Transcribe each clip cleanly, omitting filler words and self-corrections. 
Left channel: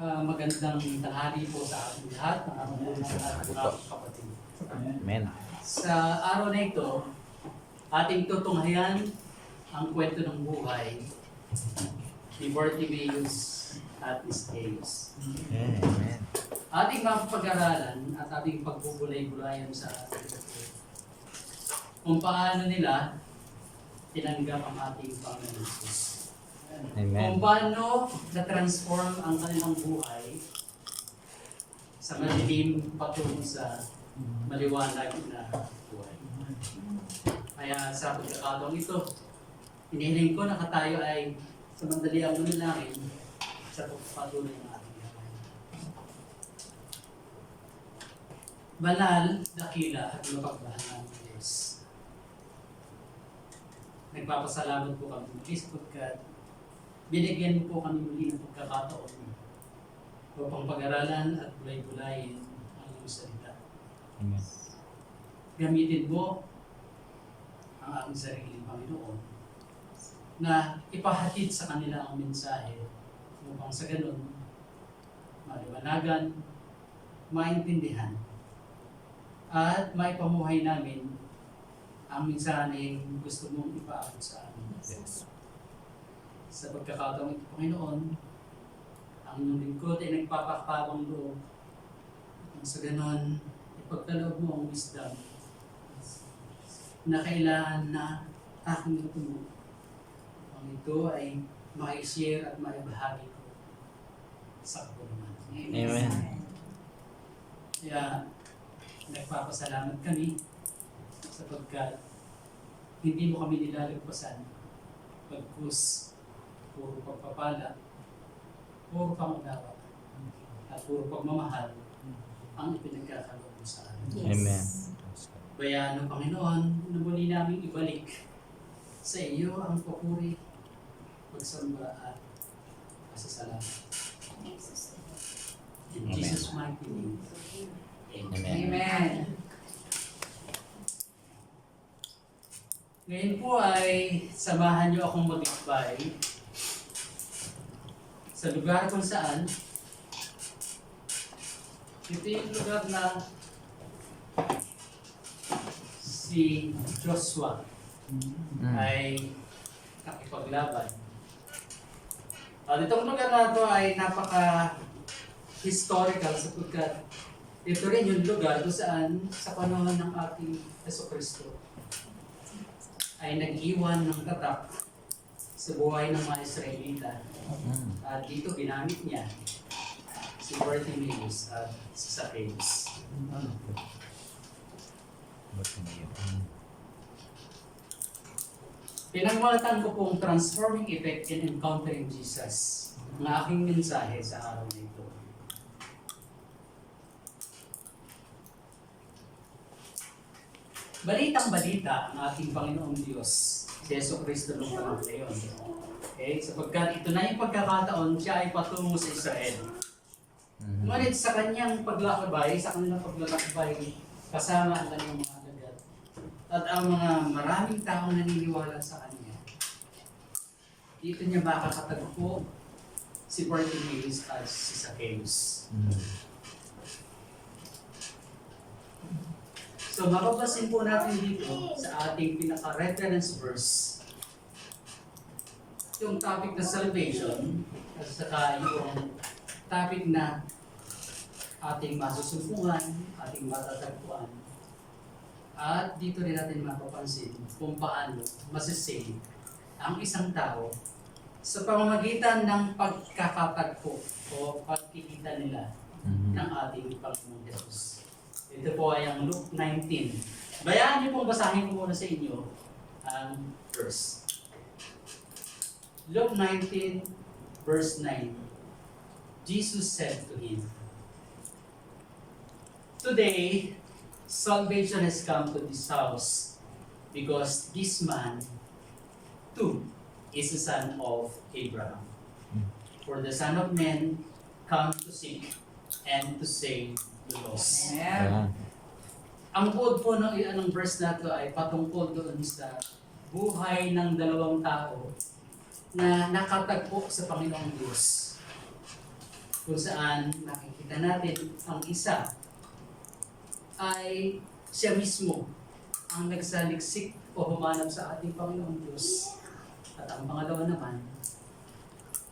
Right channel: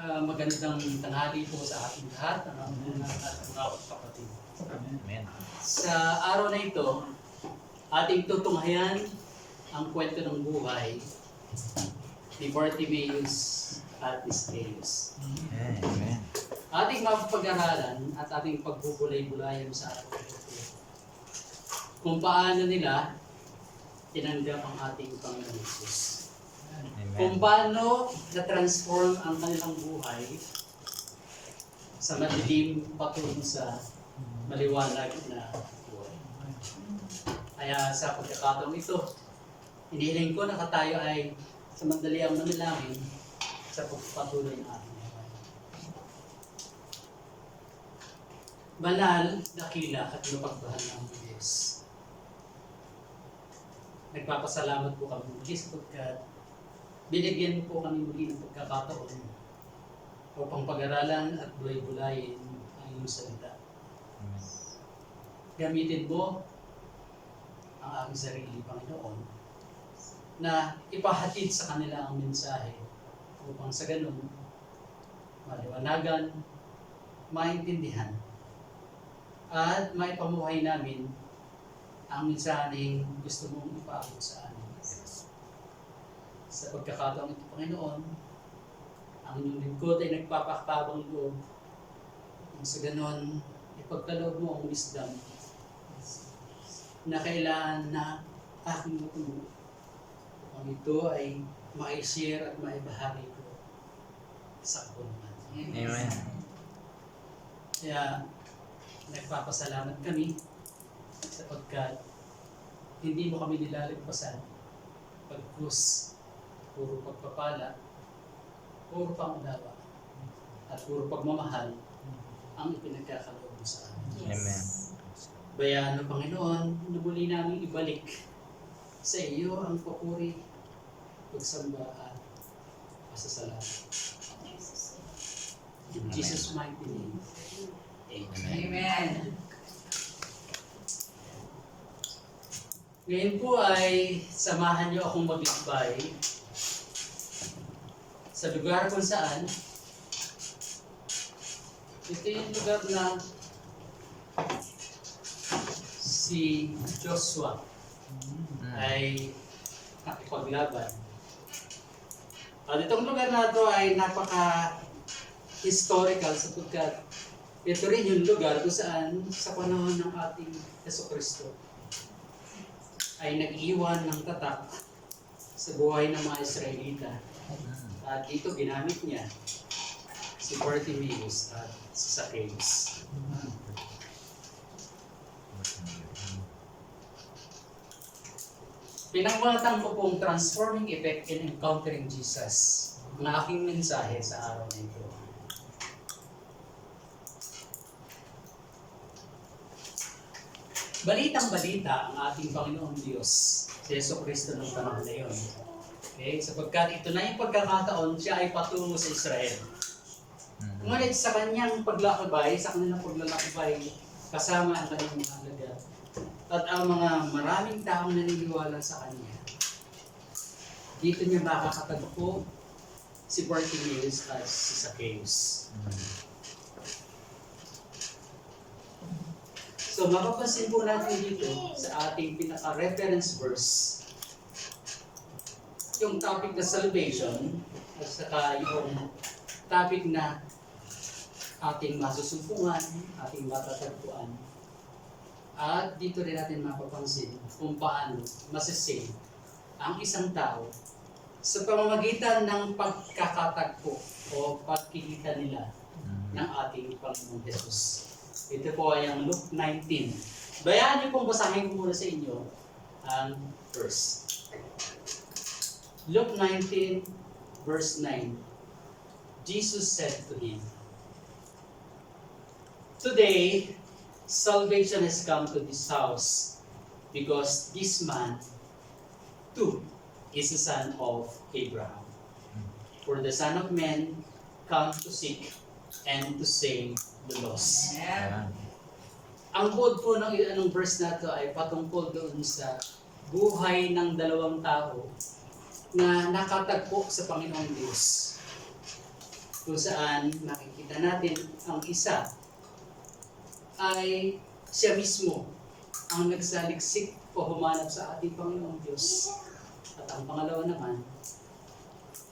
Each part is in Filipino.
Magandang tanghali po sa ating lahat, ng ating mga kapatid. Amen. Sa araw na ito, ating tutunghayan ang kwento ng buhay ni Bartimaeus at Zacchaeus. Amen. Ating mapag-aralan at ating pagbubulay-bulayan sa ating ito kung paano nila tinanggap ang ating Panginoon Jesus. Amen. Kung paano na-transform ang kanilang buhay sa madilim patungo sa maliwanag na buhay. Kaya sa pagkakataong ito, inihiling ko na tayo ay sa mandaliang manalangin sa pagpatuloy ng ating buhay. Banal, dakila at mapagmahal ng Diyos. Nagpapasalamat po kami muli sapagkat binigyan po kami muli ng pagkakataon upang pag-aralan at bulay-bulayin ang iyong salita. Amen. Gamitin mo ang aking sarili, Panginoon, na ipahatid sa kanila ang mensahe upang sa ganun maliwanagan, maintindihan, at maipamuhay namin ang mensaheng gusto mong ipaabot sa amin. Yes. Sa pagkakataong ito, Panginoon, ang inyong lingkod ay nagpapakabang loob. Sa ganon, ipagkaloob mo ang wisdom na kailangan na aking matulog. Ang ito ay ma-share at maibahagi ko sa kapulunan. Amen. Kaya, nagpapasalamat kami sapagkat hindi mo kami nilalagpasan pagkus puro pagpapala, puro pangunawa, at puro pagmamahal ang ipinagkakaloob mo sa amin. Amen. Bayaan ng Panginoon na muli namin ibalik sa iyo ang papuri, pagsamba at pasasalamat. In Jesus' mighty name. Amen. Amen. Ngayon po ay samahan niyo akong maglakbay sa lugar kung saan ito yung lugar na si Joshua ay nakipaglaban. At itong lugar na ito ay napaka-historical sapagkat ito rin yung lugar kung saan sa panahon ng ating Jesucristo ay nag-iwan ng tatak sa buhay ng mga Israelita. At dito ginamit niya si Bartimaeus at si Zacchaeus. Pinangmalatan ko pong transforming effect in encountering Jesus ang aking mensahe sa araw na ito. Balitang-balita ang ating Panginoong Diyos, si Jesucristo ng panahon na iyon. Okay? Sapagkat ito na yung pagkakataon, siya ay patungo sa Israel. Ngunit sa kanyang paglakbay, sa kanilang paglalakbay, kasama ang kanyang mga alagad, at ang mga maraming taong naniniwala sa kanya, dito niya makakatagpo si Bartimaeus at si Zacchaeus. So mapapansin po natin dito sa ating pinaka-reference verse yung topic na salvation at saka yung topic na ating masusumpungan, ating matatagpuan. At dito rin natin mapapansin kung paano masisave ang isang tao sa pamamagitan ng pagkakatagpo o pagkikita nila ng ating Panginoon Jesus. Ito po ay ang Luke 19. Bayaan niyo pong basahin ko muna sa inyo ang verse. Luke 19, verse 9. Jesus said to him, "Today, salvation has come to this house, because this man, too, is a son of Abraham. For the Son of Man come to seek and to save the lost." Amen. Ang quote po ng verse na ito ay patungkol doon sa buhay ng dalawang tao na nakatagpo sa Panginoong Diyos. kung saan makikita natin ang isa ay siya mismo ang nagsaliksik o humanap sa ating Panginoong Diyos. At ang pangalawa naman,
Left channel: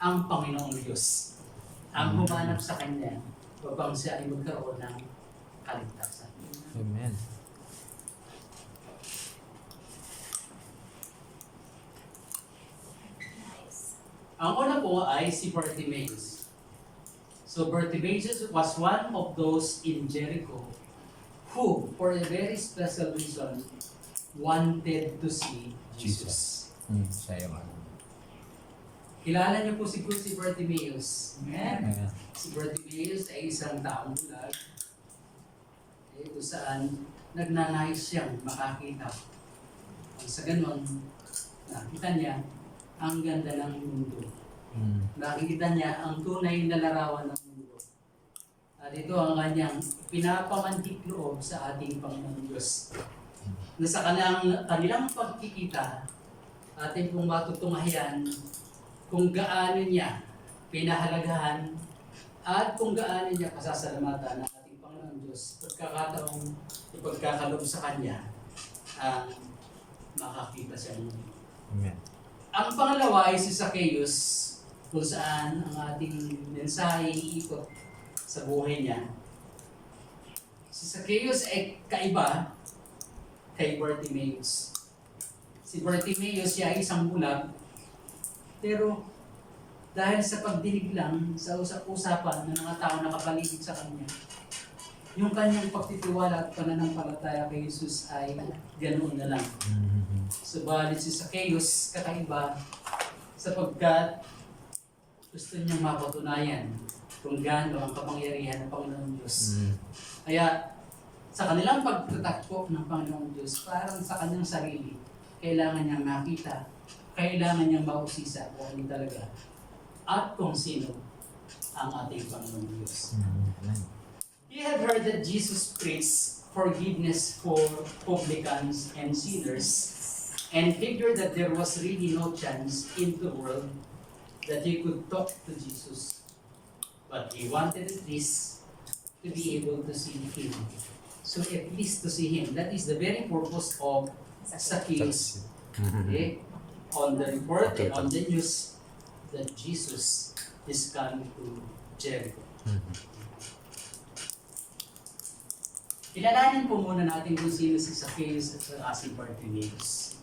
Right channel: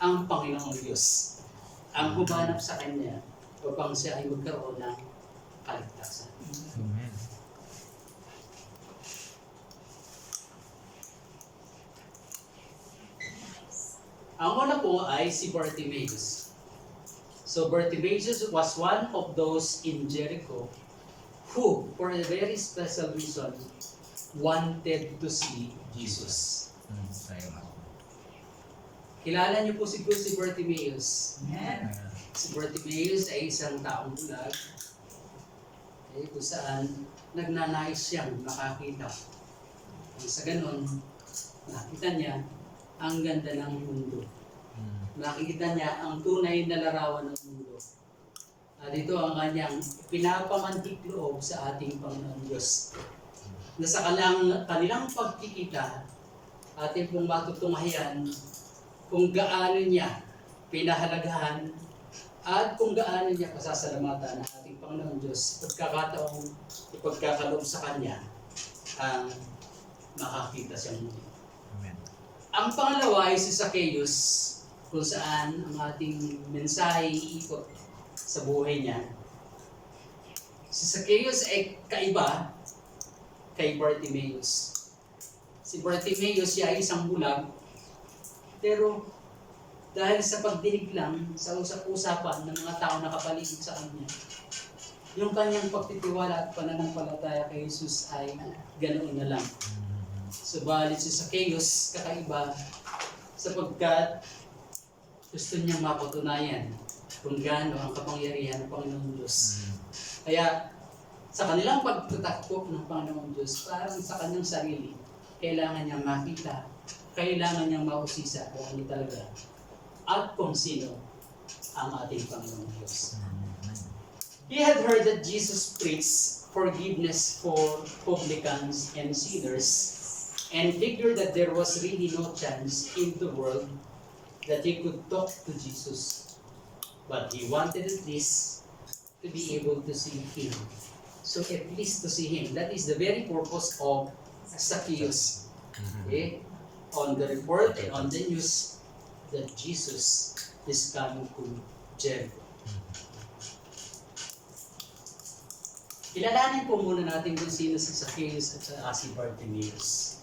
ang Panginoong Diyos ang humanap sa Kanya upang siya ay magkaroon ng kaligtasan. Amen. Ang una po ay si Bartimaeus. So Bartimaeus was one of those in Jericho who, for a very special reason, wanted to see Jesus. Sa'yo nga. Kilala niyo po siguro si Bartimaeus. Amen. Si Bartimaeus ay isang taong bulag kung saan nagnanais siyang makakita. Sa ganon, nakita niya ang ganda ng mundo. Nakikita niya ang tunay na larawan ng mundo. At ito ang kanyang pinapamantik loob sa ating Panginoon Diyos. Na sa kanilang pagkikita, ating pong matutunghayan kung gaano niya pinahalagahan at kung gaano niya pasasalamatan ang ating Panginoon Diyos pagkakataong ipagkakaloob sa Kanya ang makakita siyang muli. Amen. Ang pangalawa ay si Zacchaeus, kung saan ang ating mensahe iikot sa buhay niya. Si Zacchaeus ay kaiba kay Bartimaeus. Si Bartimaeus siya ay isang bulag, pero dahil sa pagdinig lang sa usap-usapan ng mga tao na kapaligid sa kanya, yung kanyang pagtitiwala at pananampalataya kay Jesus ay ganoon na lang. Subalit si Zacchaeus kakaiba sapagkat gusto niyang mapatunayan kung gaano ang kapangyarihan ng Panginoon Diyos. Kaya sa kanilang pagtatakbo ng Panginoon Diyos, parang sa kanyang sarili, kailangan niyang makita, kailangan niyang mausisa kung ano talaga at kung sino ang ating Panginoon Diyos. He had heard that Jesus preached forgiveness for publicans and sinners, and figured that there was really no chance in the world that he could talk to Jesus. But he wanted at least to be able to see him. So at least to see him. That is the very purpose of Zacchaeus. Okay? On the report and on the news that Jesus is coming to Jericho. Kilalanin po muna natin kung sino si Zacchaeus at saka si Bartimaeus.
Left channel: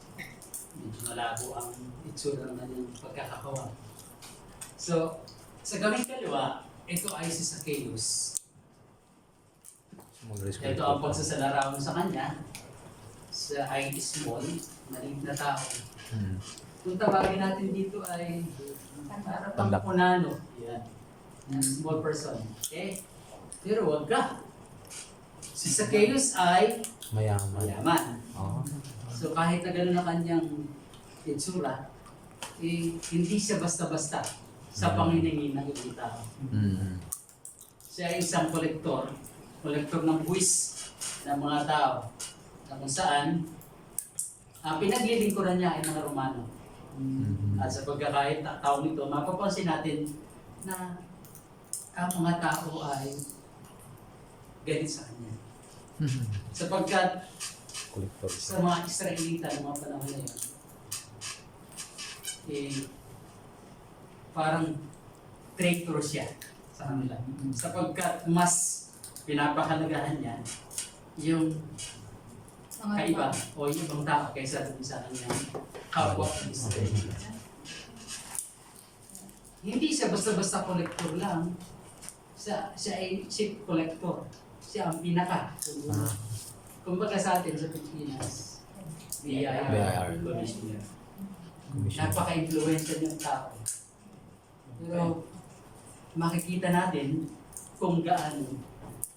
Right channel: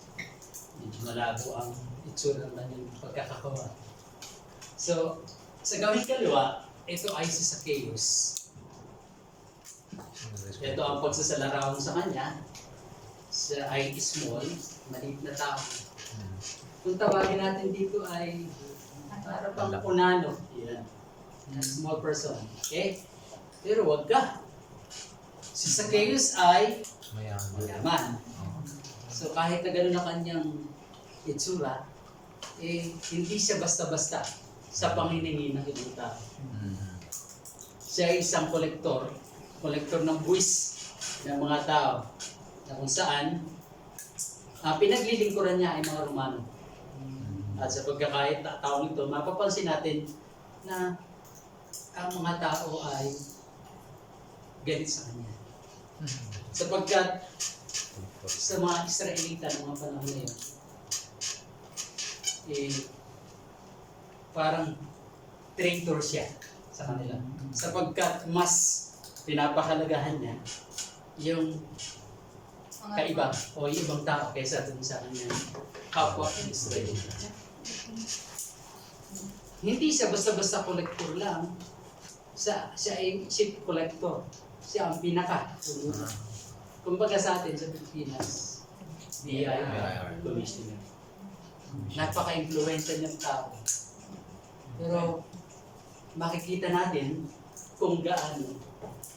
Medyo malabo ang itsura naman yung pagkakakawa. So, sa gawing kaliwa, ito ay si Zacchaeus. Ito ang pagsasalarawan sa kanya. Siya ay small, maliit na tao. Kung tawagin natin dito ay para pang punano. Yan. Small person. Okay? Pero wag ka. Si Zacchaeus ay mayaman. So kahit na gano'n na kanyang itsura, hindi siya basta-basta sa panginingin ng ibang tao. Siya ay isang kolektor ng buwis ng mga tao na kung saan ang pinaglilingkuran niya ay mga Romano. At sa pagkakait taong ito, mapapansin natin na ang mga tao ay galit sa kanya. Sapagkat sa mga Israelita ng mga panahon na yun, parang traitor siya sa kanila. Sapagkat mas pinapahalagahan niya yung kaiba o yung ibang tao kaysa dun sa kanyang kapwa ng Israelita. Hindi siya basta-basta kolektor lang. Siya ay chief collector. Siya ang pinaka. Kumbaga sa atin sa Pilipinas, BIR commissioner. Napaka-influential ng tao. Pero makikita natin kung gaano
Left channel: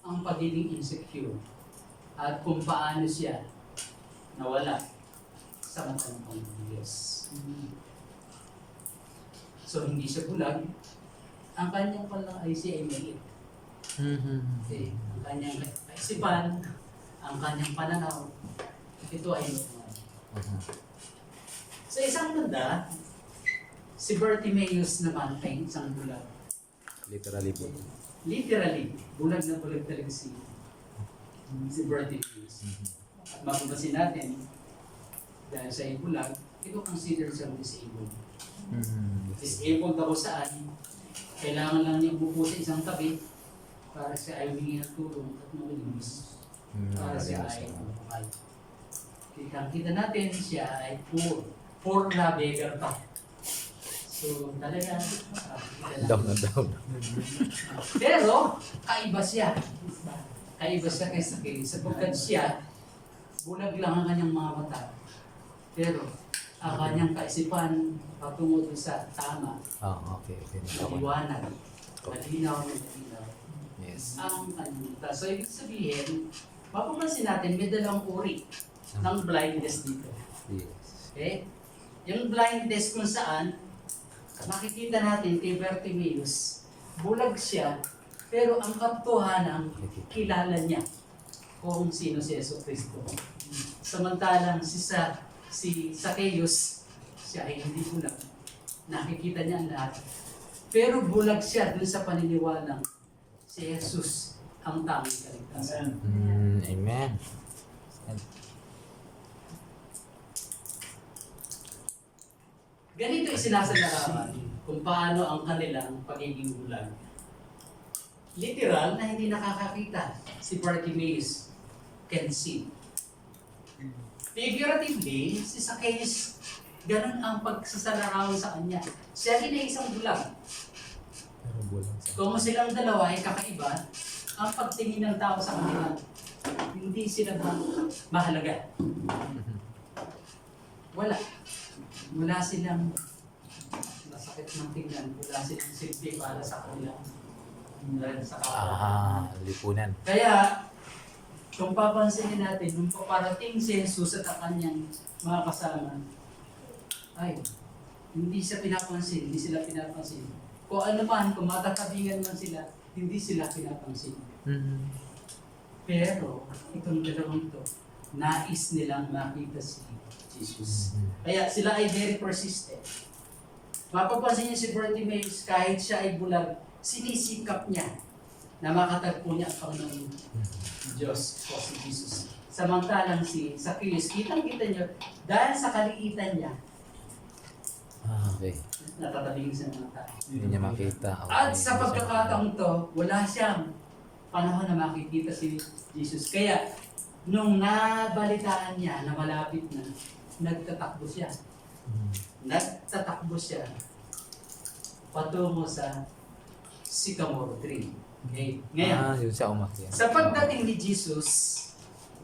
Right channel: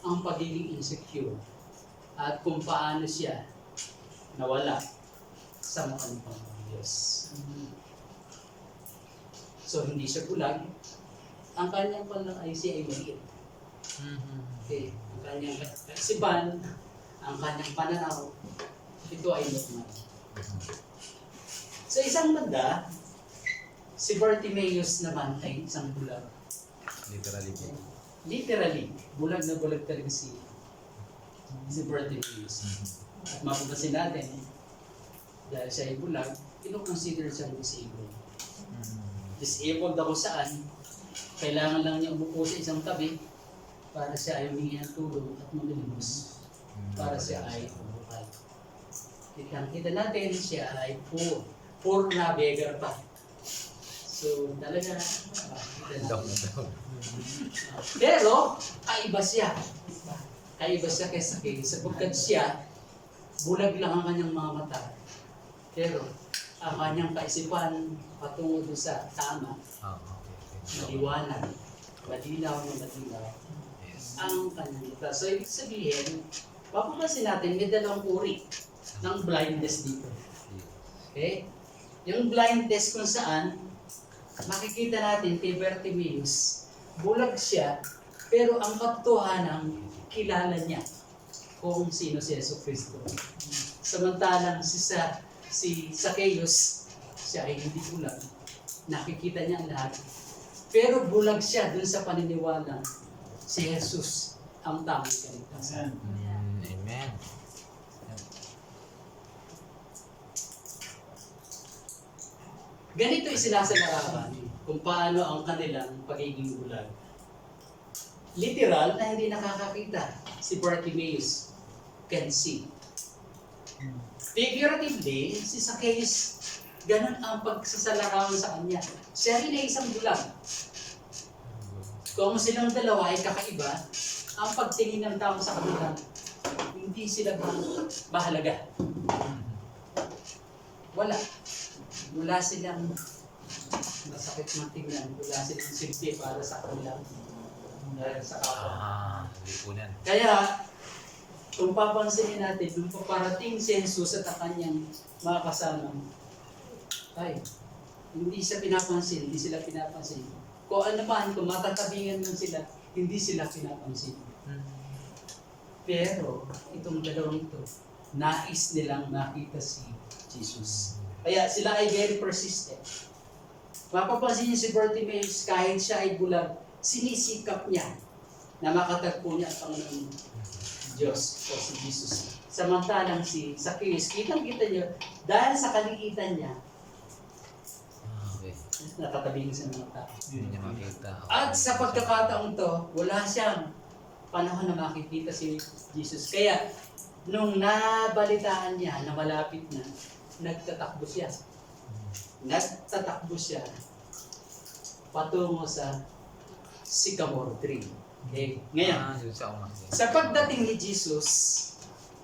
ang pagiging insecure at kung paano siya nawala sa mata ng Panginoon Diyos. So hindi siya bulag. Ang kanyang palang ay siya ay maliit. Okay. Ang kanyang kaisipan, ang kanyang pananaw, ito ay normal. Sa isang banda, si Bartimaeus naman ay isang bulag. Literally po. Literally, bulag na bulag talaga si Bartimaeus. At mapapansin natin, dahil siya ay bulag, ino-consider siyang disabled. Disabled ako saan, kailangan lang niya umupo sa isang tabi para siya ay humingi ng tulong at maglinis. Para siya ay umuhay. Kita natin, siya ay poor. Poor na beggar pa. So, talaga, Down na down. pero, kaiba siya. Kaiba siya kaysa kay. Sapagkat siya, bulag lang ang kanyang mga mata. Pero, ang kanyang kaisipan patungo doon sa tama, Okay. maliwanag, malinaw na malinaw, Yes. ang kanyang mata. So, ibig sabihin, mapapansin natin, may dalawang uri ng blindness dito. Yes. Okay? Yung blindness kung saan, makikita natin kay Bartimaeus, bulag siya, pero ang katotohanan, kilala niya kung sino si Jesucristo. Samantalang si Zacchaeus, siya ay hindi bulag. Nakikita niya ang lahat. Pero bulag siya dun sa paniniwalang si Jesus ang tamang kaligtasan. Amen. Ganito isinasalarawan kung paano ang kanilang pagiging bulag. Literal na hindi nakakakita si Bartimaeus can see. Figuratively, si Zacchaeus, ganun ang pagsasalarawan sa kanya. Siya rin ay isang bulag. Kung silang dalawa ay kakaiba, ang pagtingin ng tao sa kanila, hindi sila mahalaga. Wala silang masakit ng tingnan, wala silang silbi para sa kanila. Sa kapwa. Lipunan. Kaya, kung papansinin natin, nung paparating si Jesus at ang kanyang mga kasama, ay, hindi sila pinapansin. Kung ano man, kung matatabingan man sila, hindi sila pinapansin. Pero, itong dalawang ito, nais nilang makita si Jesus. Kaya sila ay very persistent. Mapapansin niyo si Bartimaeus, kahit siya ay bulag, sinisikap niya na makatagpo niya ang Panginoon Diyos o si Jesus. Samantalang si Zacchaeus, kitang-kita niyo, dahil sa kaliitan niya, Okay. natatabing sa mga tao. Hindi niya makita. At sa pagkakataong to, wala siyang panahon na makikita si Jesus. Kaya, nung nabalitaan niya na malapit na, nagtatakbo siya. Patungo sa sycamore tree. Okay? Ngayon, Yun siya umakyat. sa pagdating ni Jesus,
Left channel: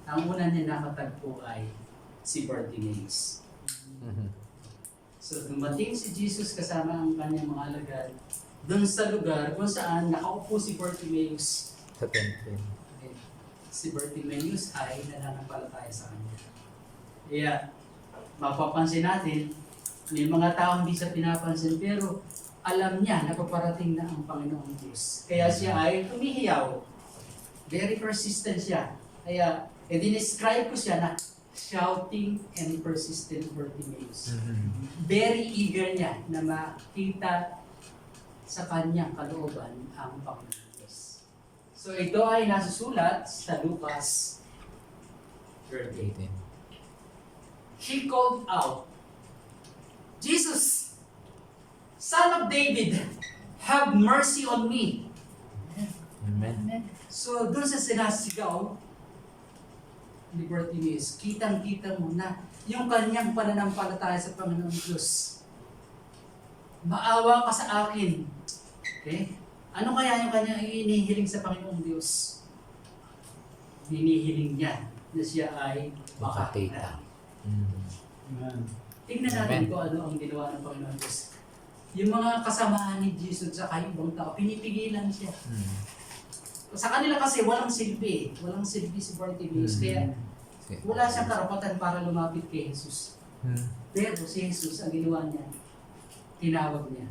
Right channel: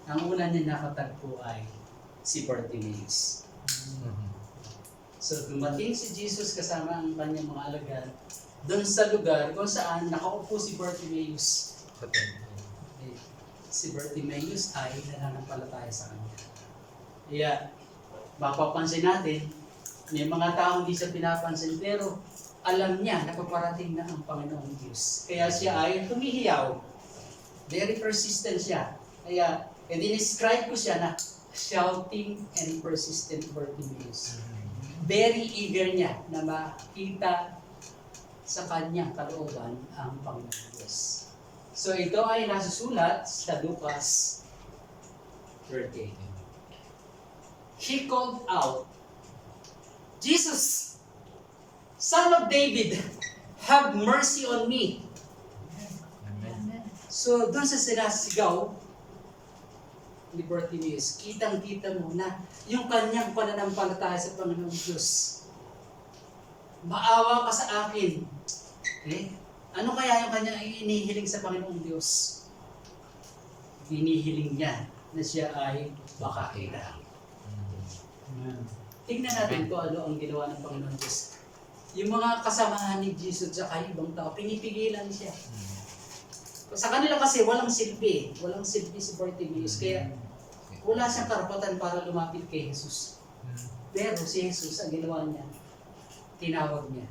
ang una niya nakatagpo ay si Bartimaeus. So, dumating si Jesus kasama ang kanyang mga alagad doon sa lugar kung saan nakaupo si Bartimaeus. Sa temple. Okay. Si Bartimaeus ay nananampalataya sa kanya. Kaya, mapapansin natin, may mga taong hindi siya pinapansin pero alam niya na paparating na ang Panginoong Diyos. Kaya siya ay tumihiyaw. Very persistent siya. Kaya, dinescribe ko siya na shouting and persistent Bartimaeus. Very eager niya na makita sa kanyang kalooban ang Panginoong Diyos. So ito ay nasusulat sa Lucas 13. He called out, Jesus, Son of David, have mercy on me. Amen. So doon sa sinasigaw ni Bartimaeus, kitang-kita mo na yung kanyang pananampalataya sa Panginoong Diyos. Maawa ka sa akin. Okay? Ano kaya yung kanyang inihiling sa Panginoong Diyos? Hinihiling niya na siya ay makakita. Tingnan natin kung ano ang ginawa ng Panginoong Diyos. Yung mga kasamahan ni Jesus sa ibang tao, pinipigilan siya. Sa kanila kasi walang silbi. Walang silbi si Bartimaeus. Kaya wala siyang karapatan para lumapit kay Jesus. Pero si Jesus, ang ginawa niya, tinawag niya.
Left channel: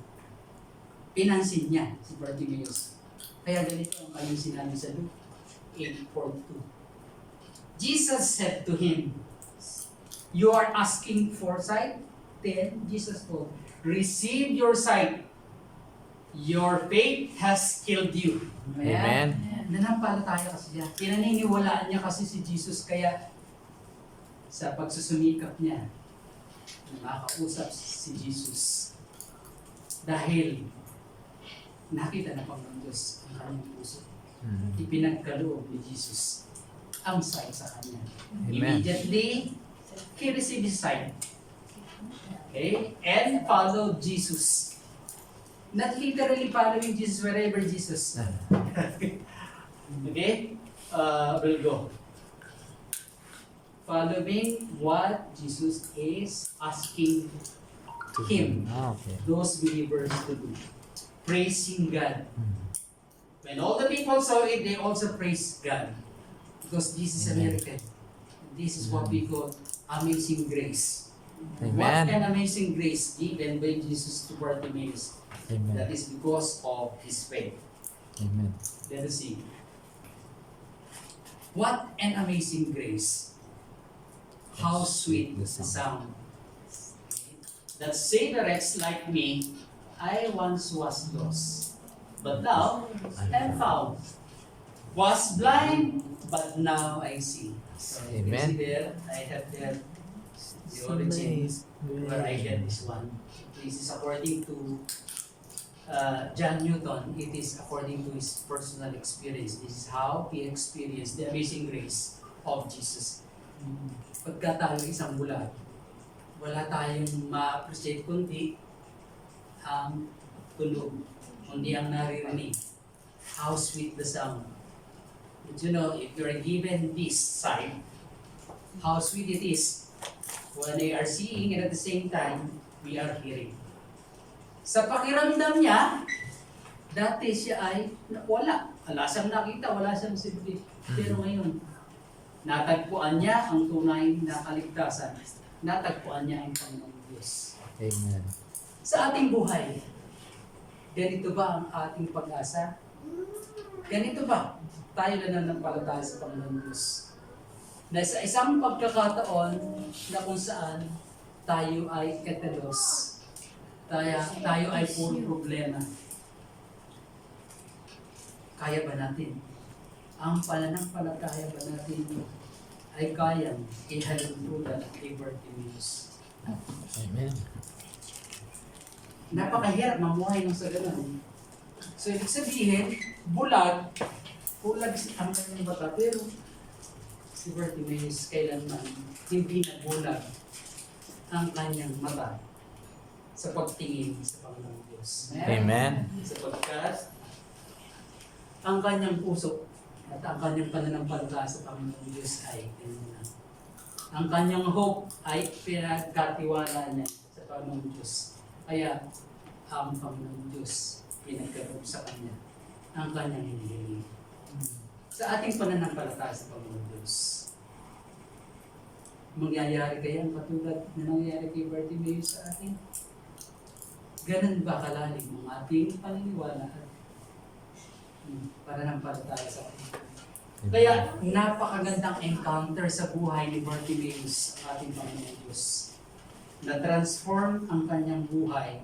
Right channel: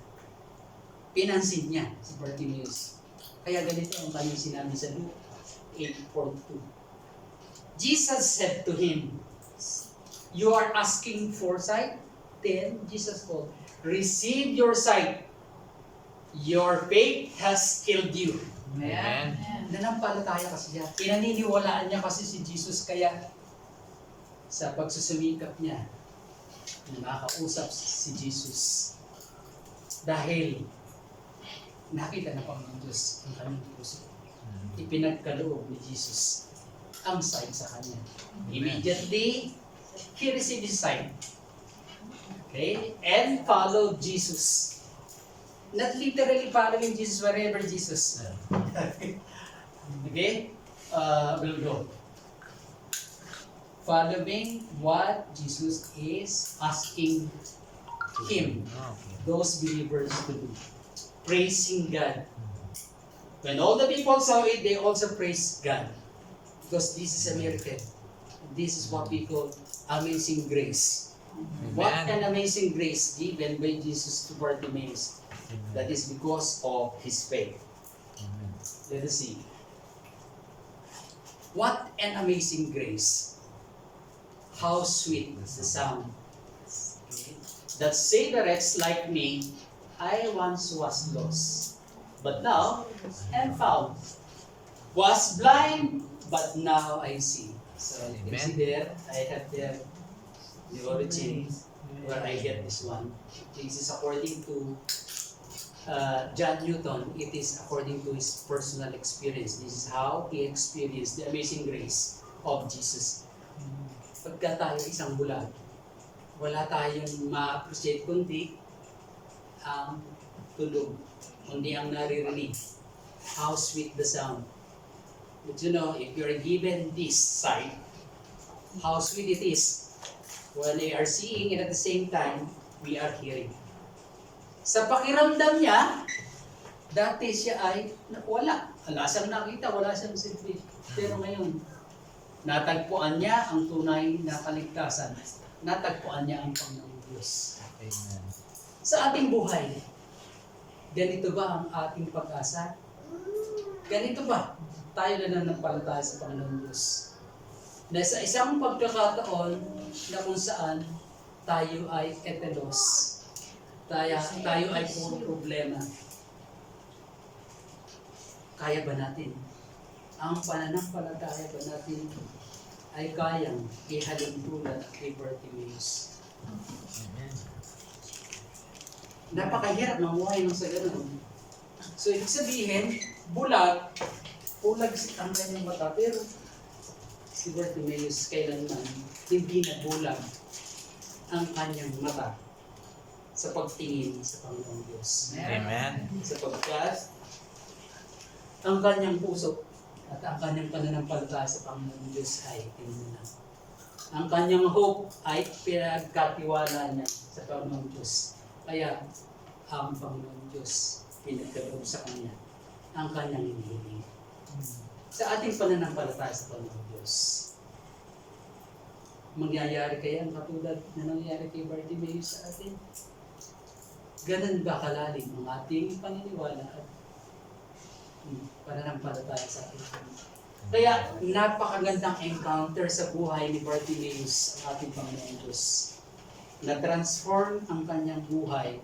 Pinansin niya si Bartimaeus. Kaya ganito ang kanyang sinabi sa Luke 8:42. Jesus said to him, you are asking for sight? Then Jesus told, receive your sight. Your faith has killed you. Amen. Nanampalataya kasi siya. Pinaniniwalaan niya kasi si Jesus, kaya sa pagsusumikap niya, na makausap si Jesus. Dahil nakita na Panginoon Diyos ang kanyang puso. Ipinagkaloob ni Jesus ang sight sa kanya. Amen. Immediately, he received his sight. Okay? And followed Jesus. Not literally following Jesus wherever Jesus. Okay? We'll go. Following what Jesus is asking him, Okay. those believers to do. Praising God. When all the people saw it, they also praised God. Because this is a miracle. This is what we call amazing grace. What an Amen. amazing grace given by Jesus to Bartimaeus. That Amen. is because of his faith. Amen. Let us see. What an amazing grace. How sweet the sound. That saved a wretch like me. I once was lost, but now am found. Was blind, but now I see. So you can see there, I have there the origin where I get this one. This is according to John Newton. It is according to his personal experience. This is how he experienced the amazing grace of Jesus. Pagka tayo isang bulag, wala tayong ma-appreciate kundi ang tulog, kundi ang naririnig. How sweet the sound. But you know, if you're given this sight, how sweet it is when they are seeing and at the same time, we are hearing. Sa pakiramdam niya, dati siya ay wala. Wala siyang nakita, wala siyang silbi. Pero ngayon, natagpuan niya ang tunay na kaligtasan. Natagpuan niya ang Panginoong Diyos. Amen. Sa ating buhay, ganito ba ang ating pag-asa? Ganito ba tayo na nanampalataya sa Panginoong Diyos? Na sa isang pagkakataon na kung saan tayo ay etelos, tayo ay puro problema. Kaya ba natin? Ang pananampalataya ba natin ay kayang ihalintulad kay Bartimaeus? Amen. Napakahirap mamuhay ng sa ganun. So, ibig sabihin, bulag ang kanyang mata, pero si Bartimaeus kailanman hindi nabulag ang kanyang mata sa pagtingin sa Panginoong Diyos. Amen. Sapagkat ang kanyang puso at ang kanyang pananampalataya sa Panginoong Diyos ay tinuna. Ang kanyang hope ay pinagkatiwala niya sa Panginoong Diyos. Kaya ang Panginoong Diyos pinagkaloob sa kanya ang kanyang hinihiling. Sa ating pananampalataya sa Panginoong Diyos, mangyayari kaya ang katulad na nangyayari kay Bartimaeus sa atin? Ganun ba kalalim ang ating paniniwala at pananampalataya sa atin? Kaya napakagandang encounter sa buhay ni Bartimaeus ang ating Panginoong Diyos. Na-transform ang kanyang buhay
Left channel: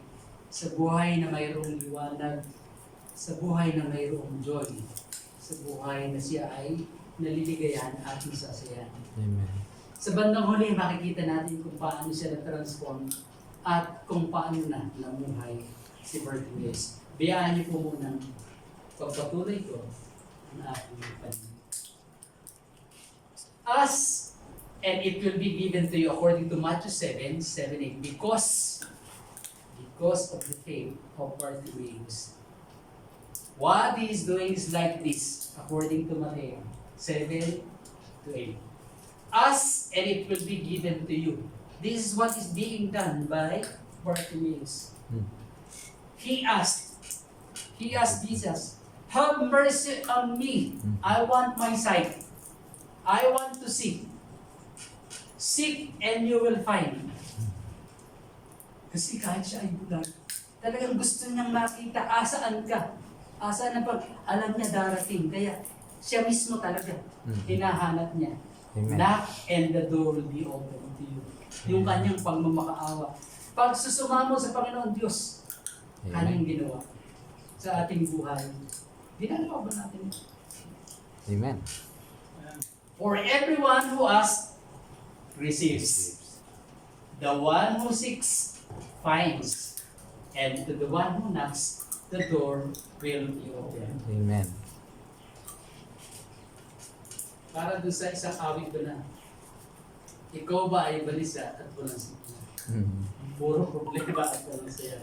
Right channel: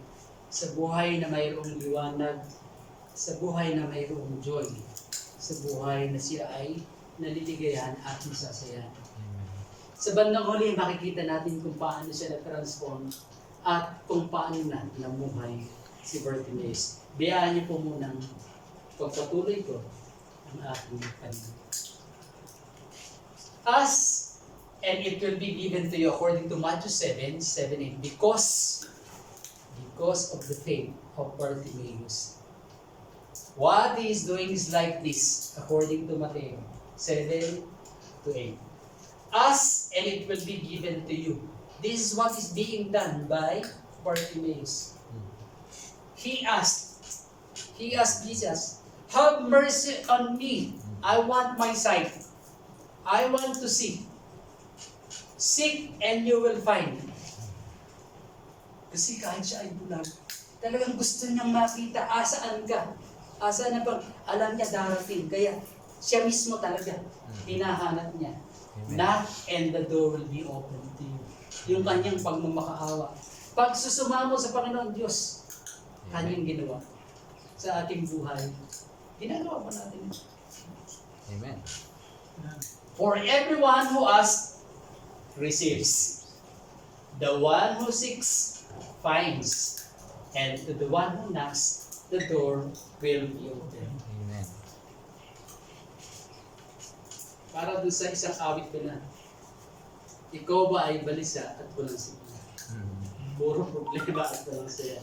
sa buhay na mayroong liwanag, sa buhay na mayroong joy, sa buhay na siya ay naliligayan at masasayan. Amen. Sa bandang huli, makikita natin kung paano siya na-transform at kung paano na namuhay si Bartimaeus. Biyaan niyo po munang pagpatuloy ko ang aking panahon. And it will be given to you according to Matthew 7:8, because of the faith of Bartimaeus. What he is doing is like this, according to Matthew 7:8. Ask and it will be given to you. This is what is being done by Bartimaeus. He asked Jesus, have mercy on me. I want my sight. I want to see. Seek and you will find. Kasi kahit siya ay bulag, talagang gusto niyang makita, asaan ka? Asaan na pag alam niya darating. Kaya siya mismo talaga, hinahanap niya. Amen. Knock and the door will be open to you. Yung kanyang pagmamakaawa. Pag susumamo sa Panginoon Diyos, kanyang ginawa. sa ating buhay, ginagawa ba natin? Amen. For everyone who asks, receives. The one who seeks, finds. And to the one who knocks, the door will be open. Amen. Para dun sa isang awit ba na, ikaw ba ay balisa at walang sigla? Puro problema at walang saya.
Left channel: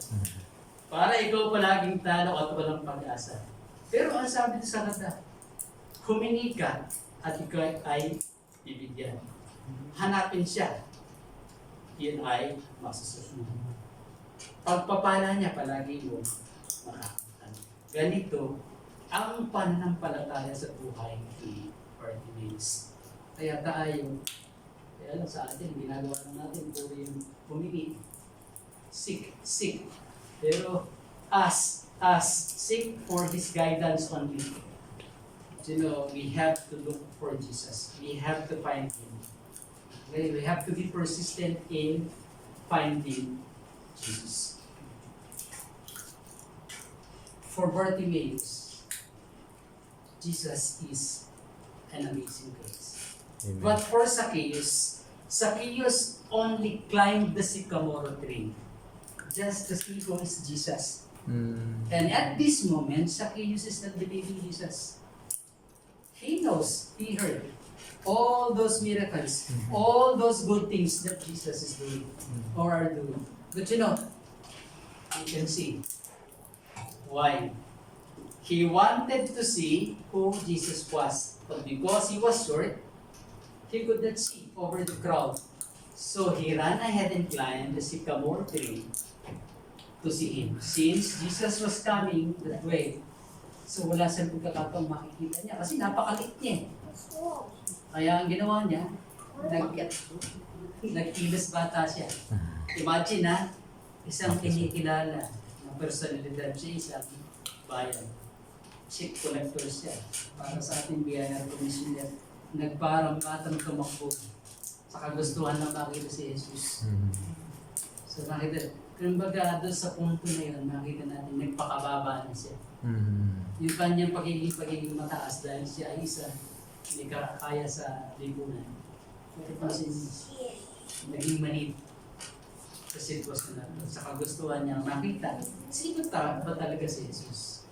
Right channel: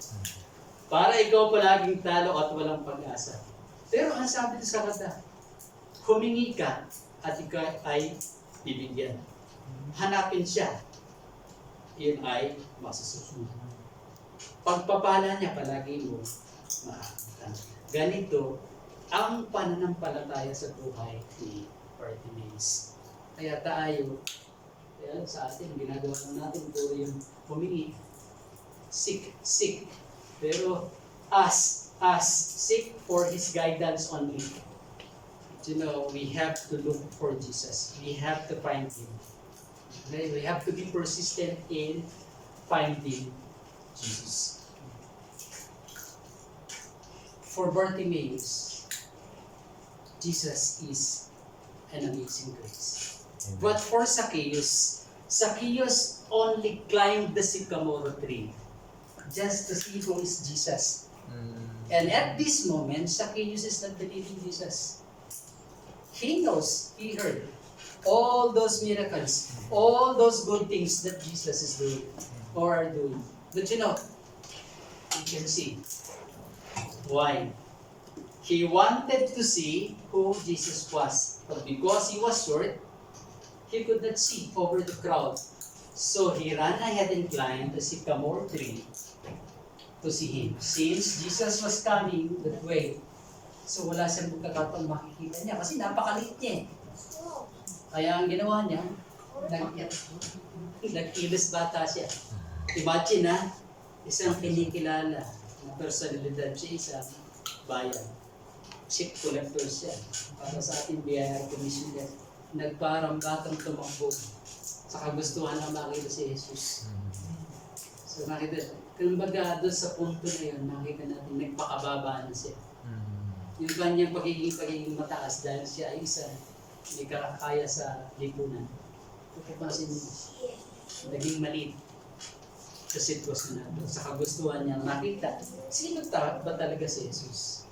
Para ikaw palaging talo at walang pag-asa. Pero ang sabi dito sa kanta, humingi ka at ikaw ay bibigyan. Hanapin siya, yun ay masusunod. Pagpapala niya palagi mo makakita. Ganito ang pananampalataya sa buhay ni Bartimaeus. Kaya tayo, kaya sa atin, ginagawa lang natin puro yung humingi. Seek. Pero seek for His guidance only. You know, we have to look for Jesus. We have to find Him. We have to be persistent in finding Jesus. For Bartimaeus, Jesus is an amazing grace. Amen. But for Zacchaeus only climbed the sycamore tree just to see who is Jesus. And at this moment, Zacchaeus is not believing Jesus. He knows, he heard all those miracles, all those good things that Jesus is doing or are doing. But you know, you can see why. He wanted to see who Jesus was, but because he was short, he could not see over the crowd. So he ran ahead and climbed the sycamore tree to see him. Since Jesus was coming that way, so wala siyang pagkakataong makikita niya kasi napakalit niya. Kaya ang ginawa niya, nag-ilis bata siya. Imagine isang kinikilala na personalidad sa isang bayan. Check collector siya. Para sa ating BIR commissioner, nagparang batang tumakbo sa kagustuhan ng makita si Jesus. So nakita, kumbaga doon sa punto na yun, makita natin nagpakababa na siya. Yung kanyang pagiging mataas dahil siya ay isa, hindi kaya sa lipunan. Kasi naging maliit sa sitwasyon na ito. Sa kagustuhan niyang makita, sino ba talaga si Jesus?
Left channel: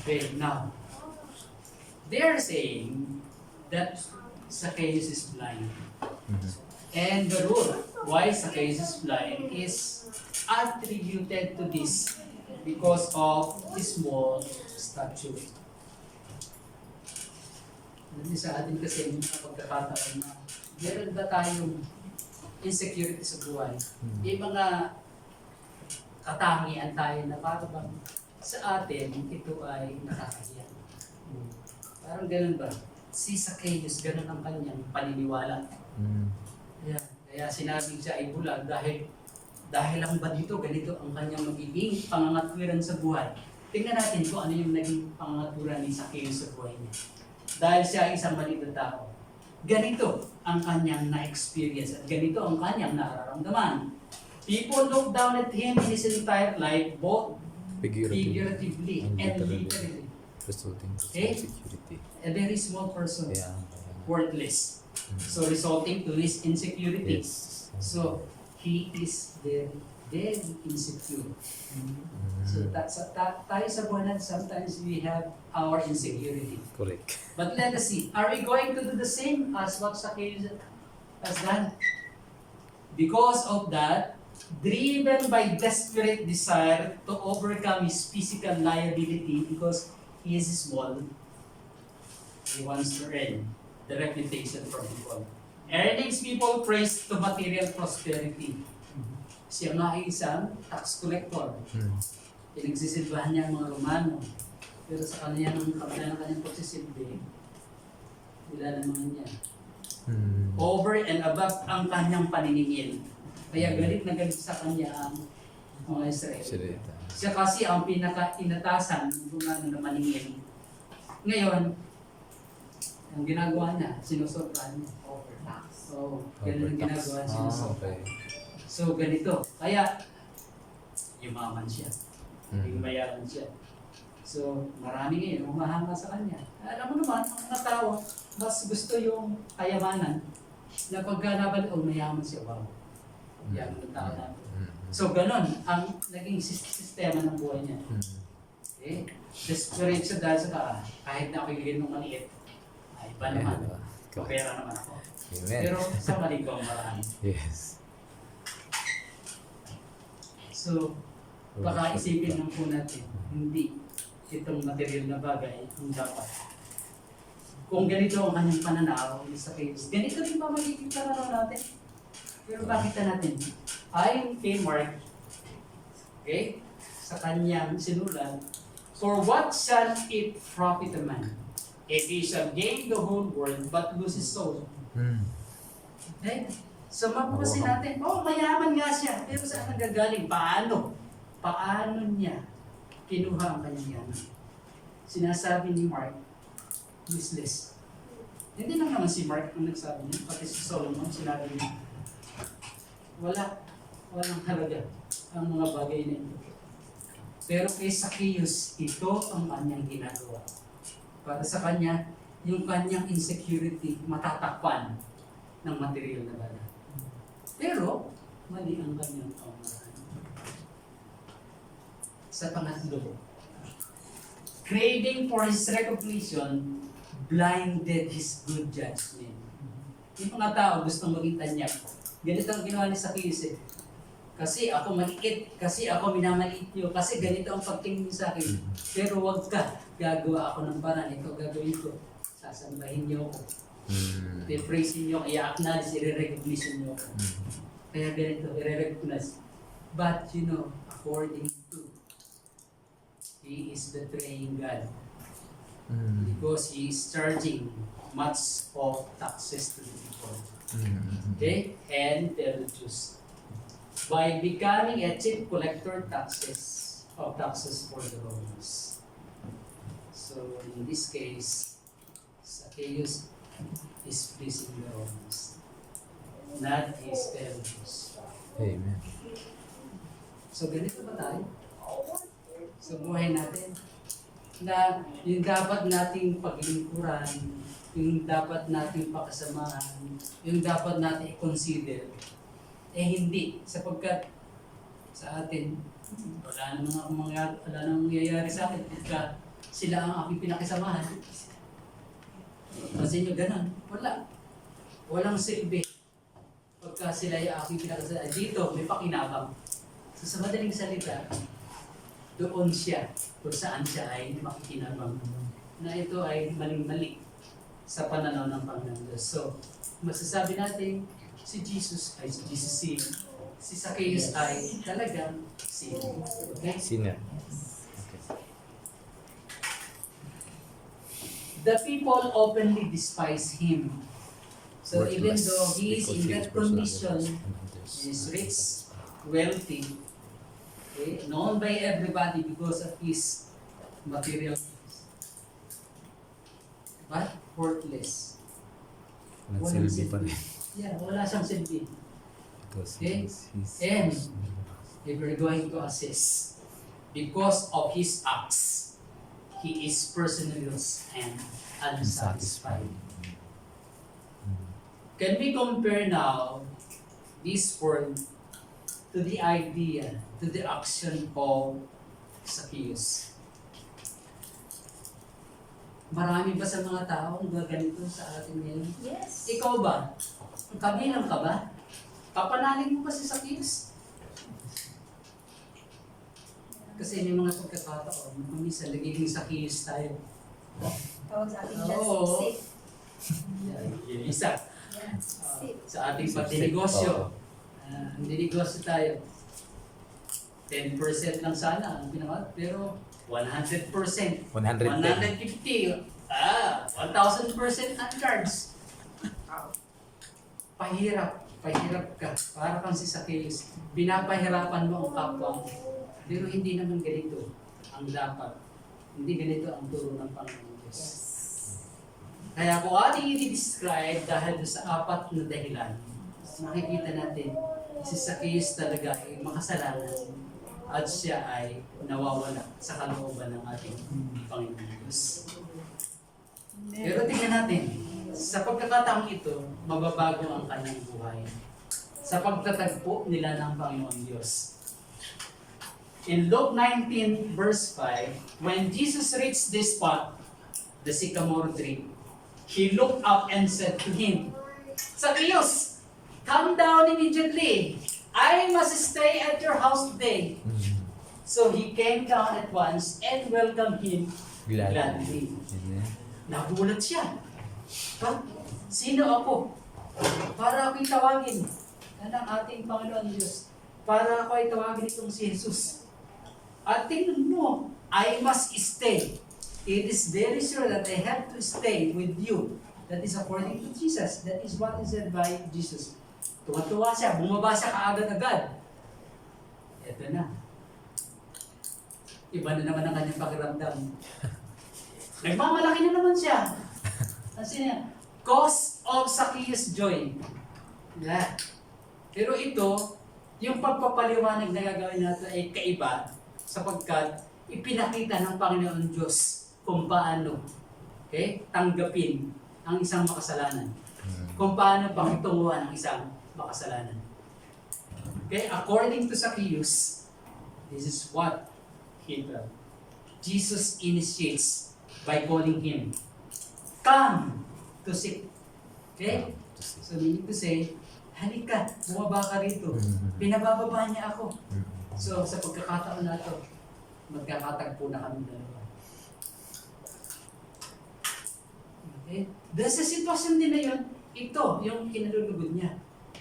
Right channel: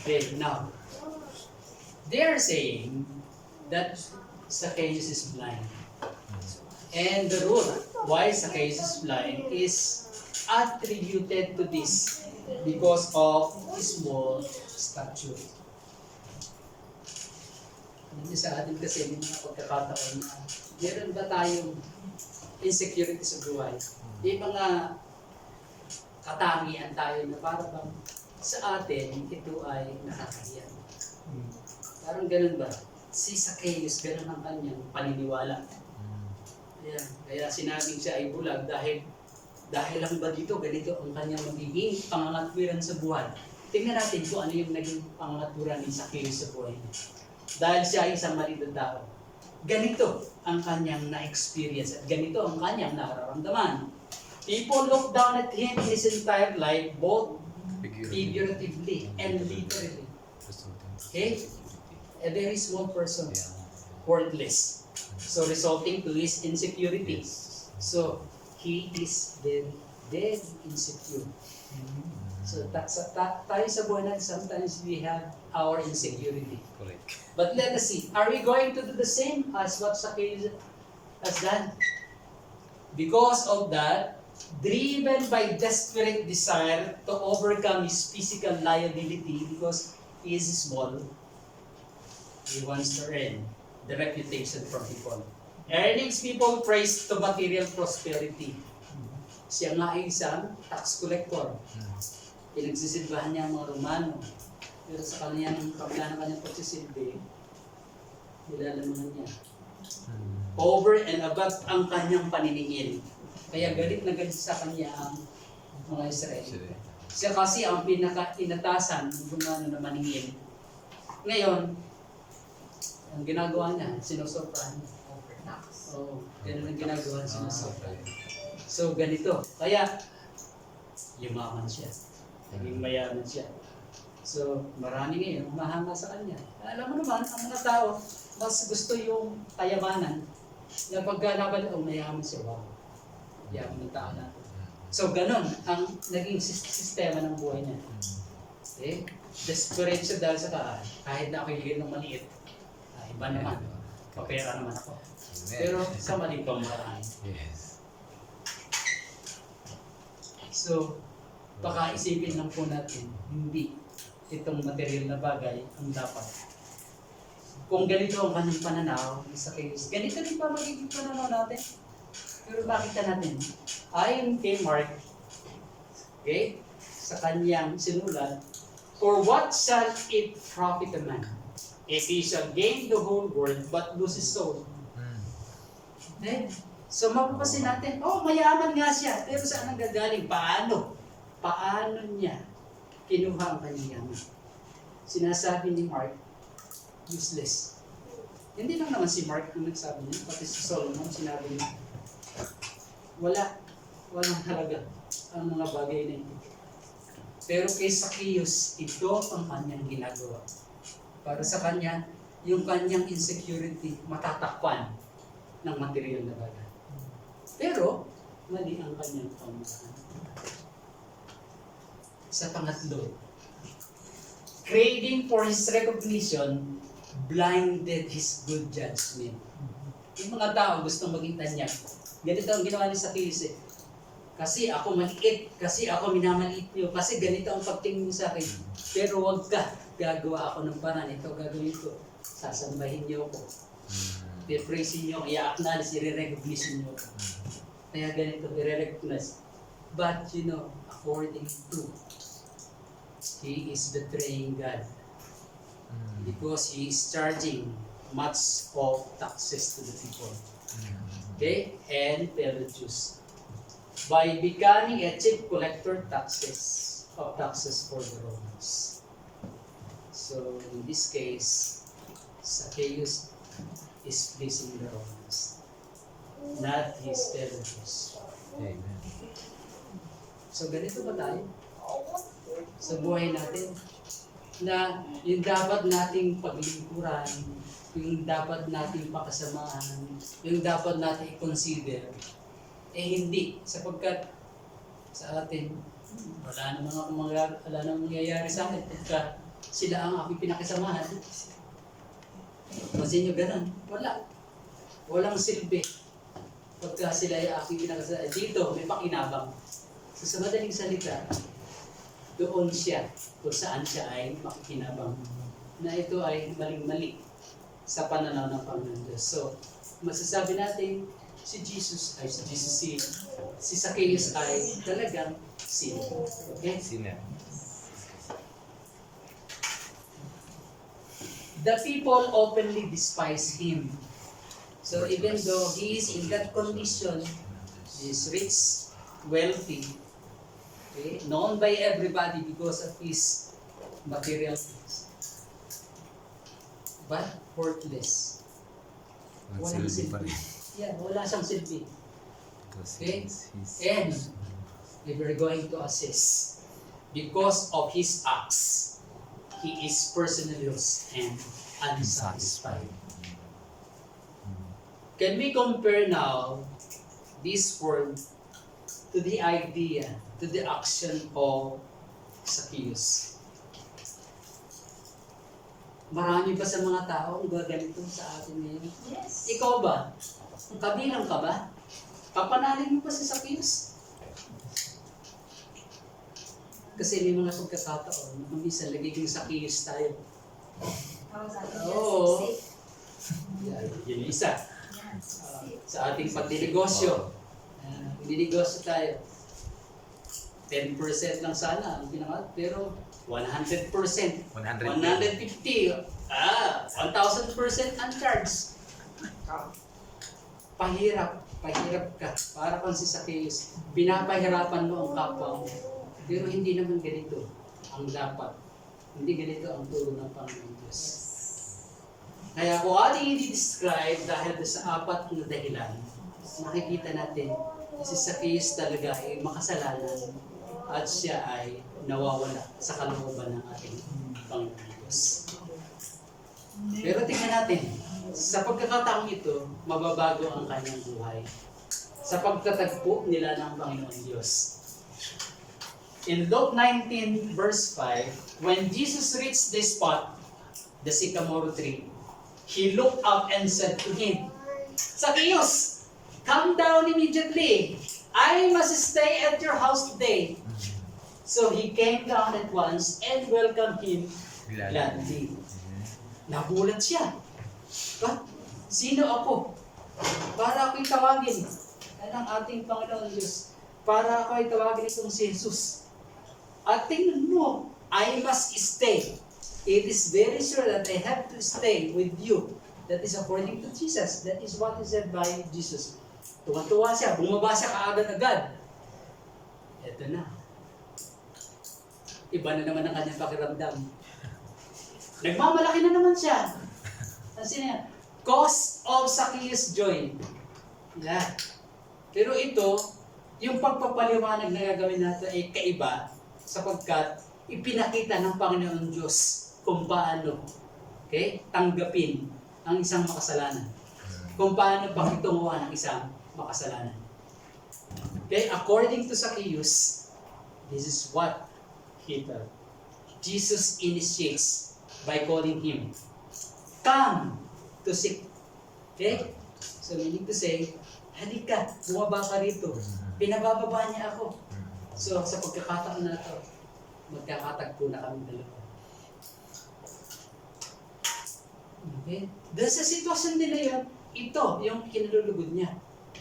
Okay, now, they are saying that Zacchaeus is blind. And the rule why Zacchaeus is blind is attributed to this because of his small stature. Hindi sa atin kasi may mga pagkakataon na meron ba tayong insecurity sa buhay? May mga katangian tayo na para bang sa atin ito ay nakakahiya. Parang ganun ba? Si Zacchaeus, ganun ang kanyang paniniwala. Kaya sinabing siya ay bulag dahil lang ba dito, ganito ang kanyang magiging pangangatwiran sa buhay. Tingnan natin kung ano yung naging pangangatwiran ni Zacchaeus sa buhay niya. Dahil siya ay isang maliit na tao. Ganito ang kanyang na-experience at ganito ang kanyang nararamdaman. People look down at him in his entire life, both figuratively and literally. Okay? A very small person, worthless. So resulting to his insecurity. So he is very insecure. So tayo sa buhay natin, sometimes we have our insecurity. Correct. But let us see, are we going to do the same as what Zacchaeus has done? Because of that, driven by desperate desire to overcome his physical liability because he is small, he wants to earn the reputation from people. Earnings people praise to material prosperity. Siya nga ay isang tax collector. Pinagsisilbahan niya ang mga Romano. Pero sa kabila ng kanyang pagsisilbi, nilalaman niya. Over and above ang kanyang paniningil. Kaya galit na galit sa kanya ang mga Israel. Siya kasi ang pinaka-inatasan ng gumano na maningil. Ngayon, ang ginagawa niya, sinusurpahan niya. Ganun ang ginagawa, sinusurpahan. So, ganito. Kaya, yumaman siya. Naging mayaman siya. So, marami ngayon umahanga sa kanya. Alam mo naman, ang mga tao, mas gusto yung kayamanan na pagka nabalik, mayaman siya. Wow. Yaman ng tao natin. So, ganon ang naging sistema ng buhay niya. Okay? Desperate siya dahil sa kahit na ako iligin ng maliit, iba naman. Kapera naman ako. Amen. Pero sa mali pang marami. Yes. So, baka isipin lang po natin, hindi itong material na bagay ang dapat. Kung ganito ang kanyang pananaw, sa case, ganito rin ba magiging pananaw natin? Pero bakit ka natin? Ayon kay Mark, okay, sa kanyang sinulat, for what shall it profit a man if he shall gain the whole world but lose his soul? Okay? So mapapasin natin, mayaman nga siya, pero saan ang gagaling? Paano? Paano niya kinuha ang kanyang yaman? Sinasabi ni Mark, useless. Hindi lang naman si Mark ang nagsabi niya, pati si Solomon sinabi niya, walang halaga ang mga bagay na ito. Pero kay Zacchaeus, ito ang kanyang ginagawa. Para sa kanya, yung kanyang insecurity matatakpan ng material na bagay. Pero, mali ang kanyang pamamaraan. Sa pangatlo, craving for his recognition blinded his good judgment. Yung mga tao gustong maging tanyak. Ganito ang ginawa ni Zacchaeus eh. Kasi ako maliit, kasi ako minamaliit niyo, kasi ganito ang pagtingin niyo sa akin. Pero wag ka, gagawa ako ng paraan, ito gagawin ko. Sasambahin niyo ako. I-praise niyo, i-acknowledge, i-recognize niyo ako. Kaya ganito, i-recognize. But according to, he is betraying God. Because he is charging much of taxes to the people. Okay? And tell the Jews. By becoming a chief collector of taxes for the Romans. So in this case, Zacchaeus is pleasing the Romans, not his fellow Jews. Amen. So ganito ba tayo? Sa buhay natin, na yung dapat nating paglingkuran, yung dapat nating pakasamahan, yung dapat nating i-consider, hindi, sapagkat sa atin, wala nang mangyayari sa akin pagka sila ang aking pinakisamahan. Kasi nyo ganun, walang silbi pagka sila ay aking pinakisamahan. Dito, may pakinabang. So sa madaling salita, doon siya, kung saan siya ay makikinabang, na ito ay maling-mali sa pananaw ng Panginoon Diyos. So, masasabi natin, si Zacchaeus ay talagang sinner. Okay? Sinner. The people openly despise him. So even though he is in that condition, he is rich, wealthy, okay, known by everybody because of his material things, but worthless. Walang silbi pa rin. Yeah, wala siyang silbi. Because Okay? he's And if we're going to assess, because of his acts, he is personally and unsatisfied. Can we compare now this world to the idea, to the action of Zacchaeus? Marami ba sa mga tao ang gaganito sa atin ngayon? Yes. Ikaw ba? Kabilang ka ba? Papanalin mo ba si Zacchaeus? Kasi may mga pagkakataon na minsan nagiging Zacchaeus tayo. Tawag sa akin Oo. safe. Yun isa. Yan, safe. Sa ating pagdinegosyo. Dinegosyo tayo. 10% lang sana ang ginawa, pero 100%. 150. 150. 1,000% uncharged. Pahirap ka. Para kang si Zacchaeus. Binapahirapan mo ang kapwa mo. Pero hindi naman ganito ang dapat. Hindi ganito ang turo ng Panginoon Diyos. Kaya kung ating i-describe dahil sa 4 na dahilan, makikita natin si Zacchaeus talaga ay makasalanan at siya ay nawawala sa kalooban ng ating Panginoon Diyos. Pero tingnan natin, sa pagkakataong ito, mababago ang kanyang buhay sa pagtatagpo nila ng Panginoon Diyos. In Luke 19 verse 5, when Jesus reached this spot, the sycamore tree, he looked up and said to him, Zacchaeus, come down immediately. I must stay at your house today. So he came down at once and welcomed him gladly. Nagulat siya. Ba? Sino ako? Para ako'y tawagin ng ating Panginoon Diyos. Para ako'y tawagin itong si Jesus. At tingnan mo, I must stay. It is very sure that I have to stay with you. That is according to Jesus. That is what is said by Jesus. Tuwa-tuwa siya, bumaba siya kaagad-agad. Ito na. Iba na naman ang kanyang pakiramdam. Nagmamalaki na naman siya. Kasi niya, cause of Zacchaeus joy. Yeah. Pero ito, yung pagpapaliwanag na gagawin natin ay kaiba sapagkat ipinakita ng Panginoon Diyos kung paano tanggapin ang isang makasalanan. Kung paano pakitunguhan ang isang makasalanan. According to Zacchaeus, this is what he felt. Jesus initiates by calling him, come to seek. So meaning to say, halika, bumaba ka rito. Pinabababa niya ako. So sa pagkakataon na ito, magkakatagpo na kami dalawa. Okay? Dahil sa sitwasyon din na yun, ito yung kinalulugod niya.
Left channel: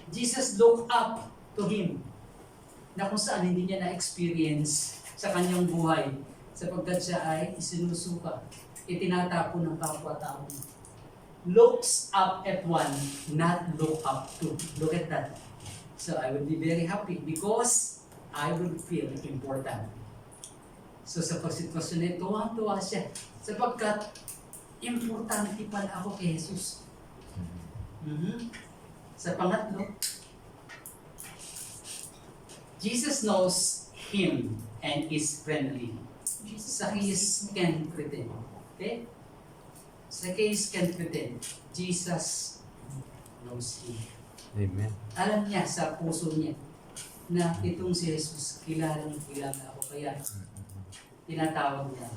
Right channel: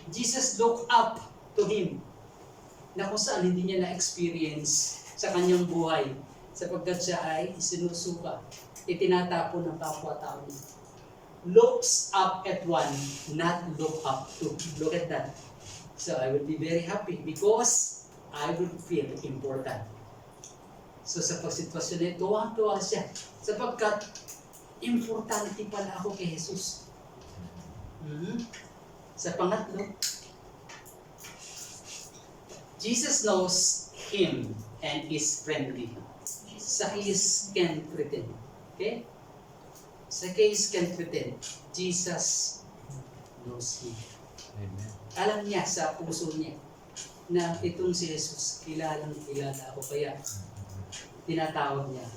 Jesus looked up to him na kung saan hindi niya na-experience sa kanyang buhay sapagkat siya ay isinusuka, itinatapo ng kapwa-tao. Looks up at one, not look up to. Look at that. So I will be very happy because I will feel important. So sa pagsitwasyon na ito, tuwang-tuwa siya sapagkat importante pala ako kay Jesus. Sa pangatlo, Jesus knows him and is friendly. Zacchaeus can pretend. Okay? Zacchaeus can pretend. Jesus knows him. Amen. Alam niya sa puso niya na itong si Jesus, kilalang kilala ako. Kaya tinatawag niya.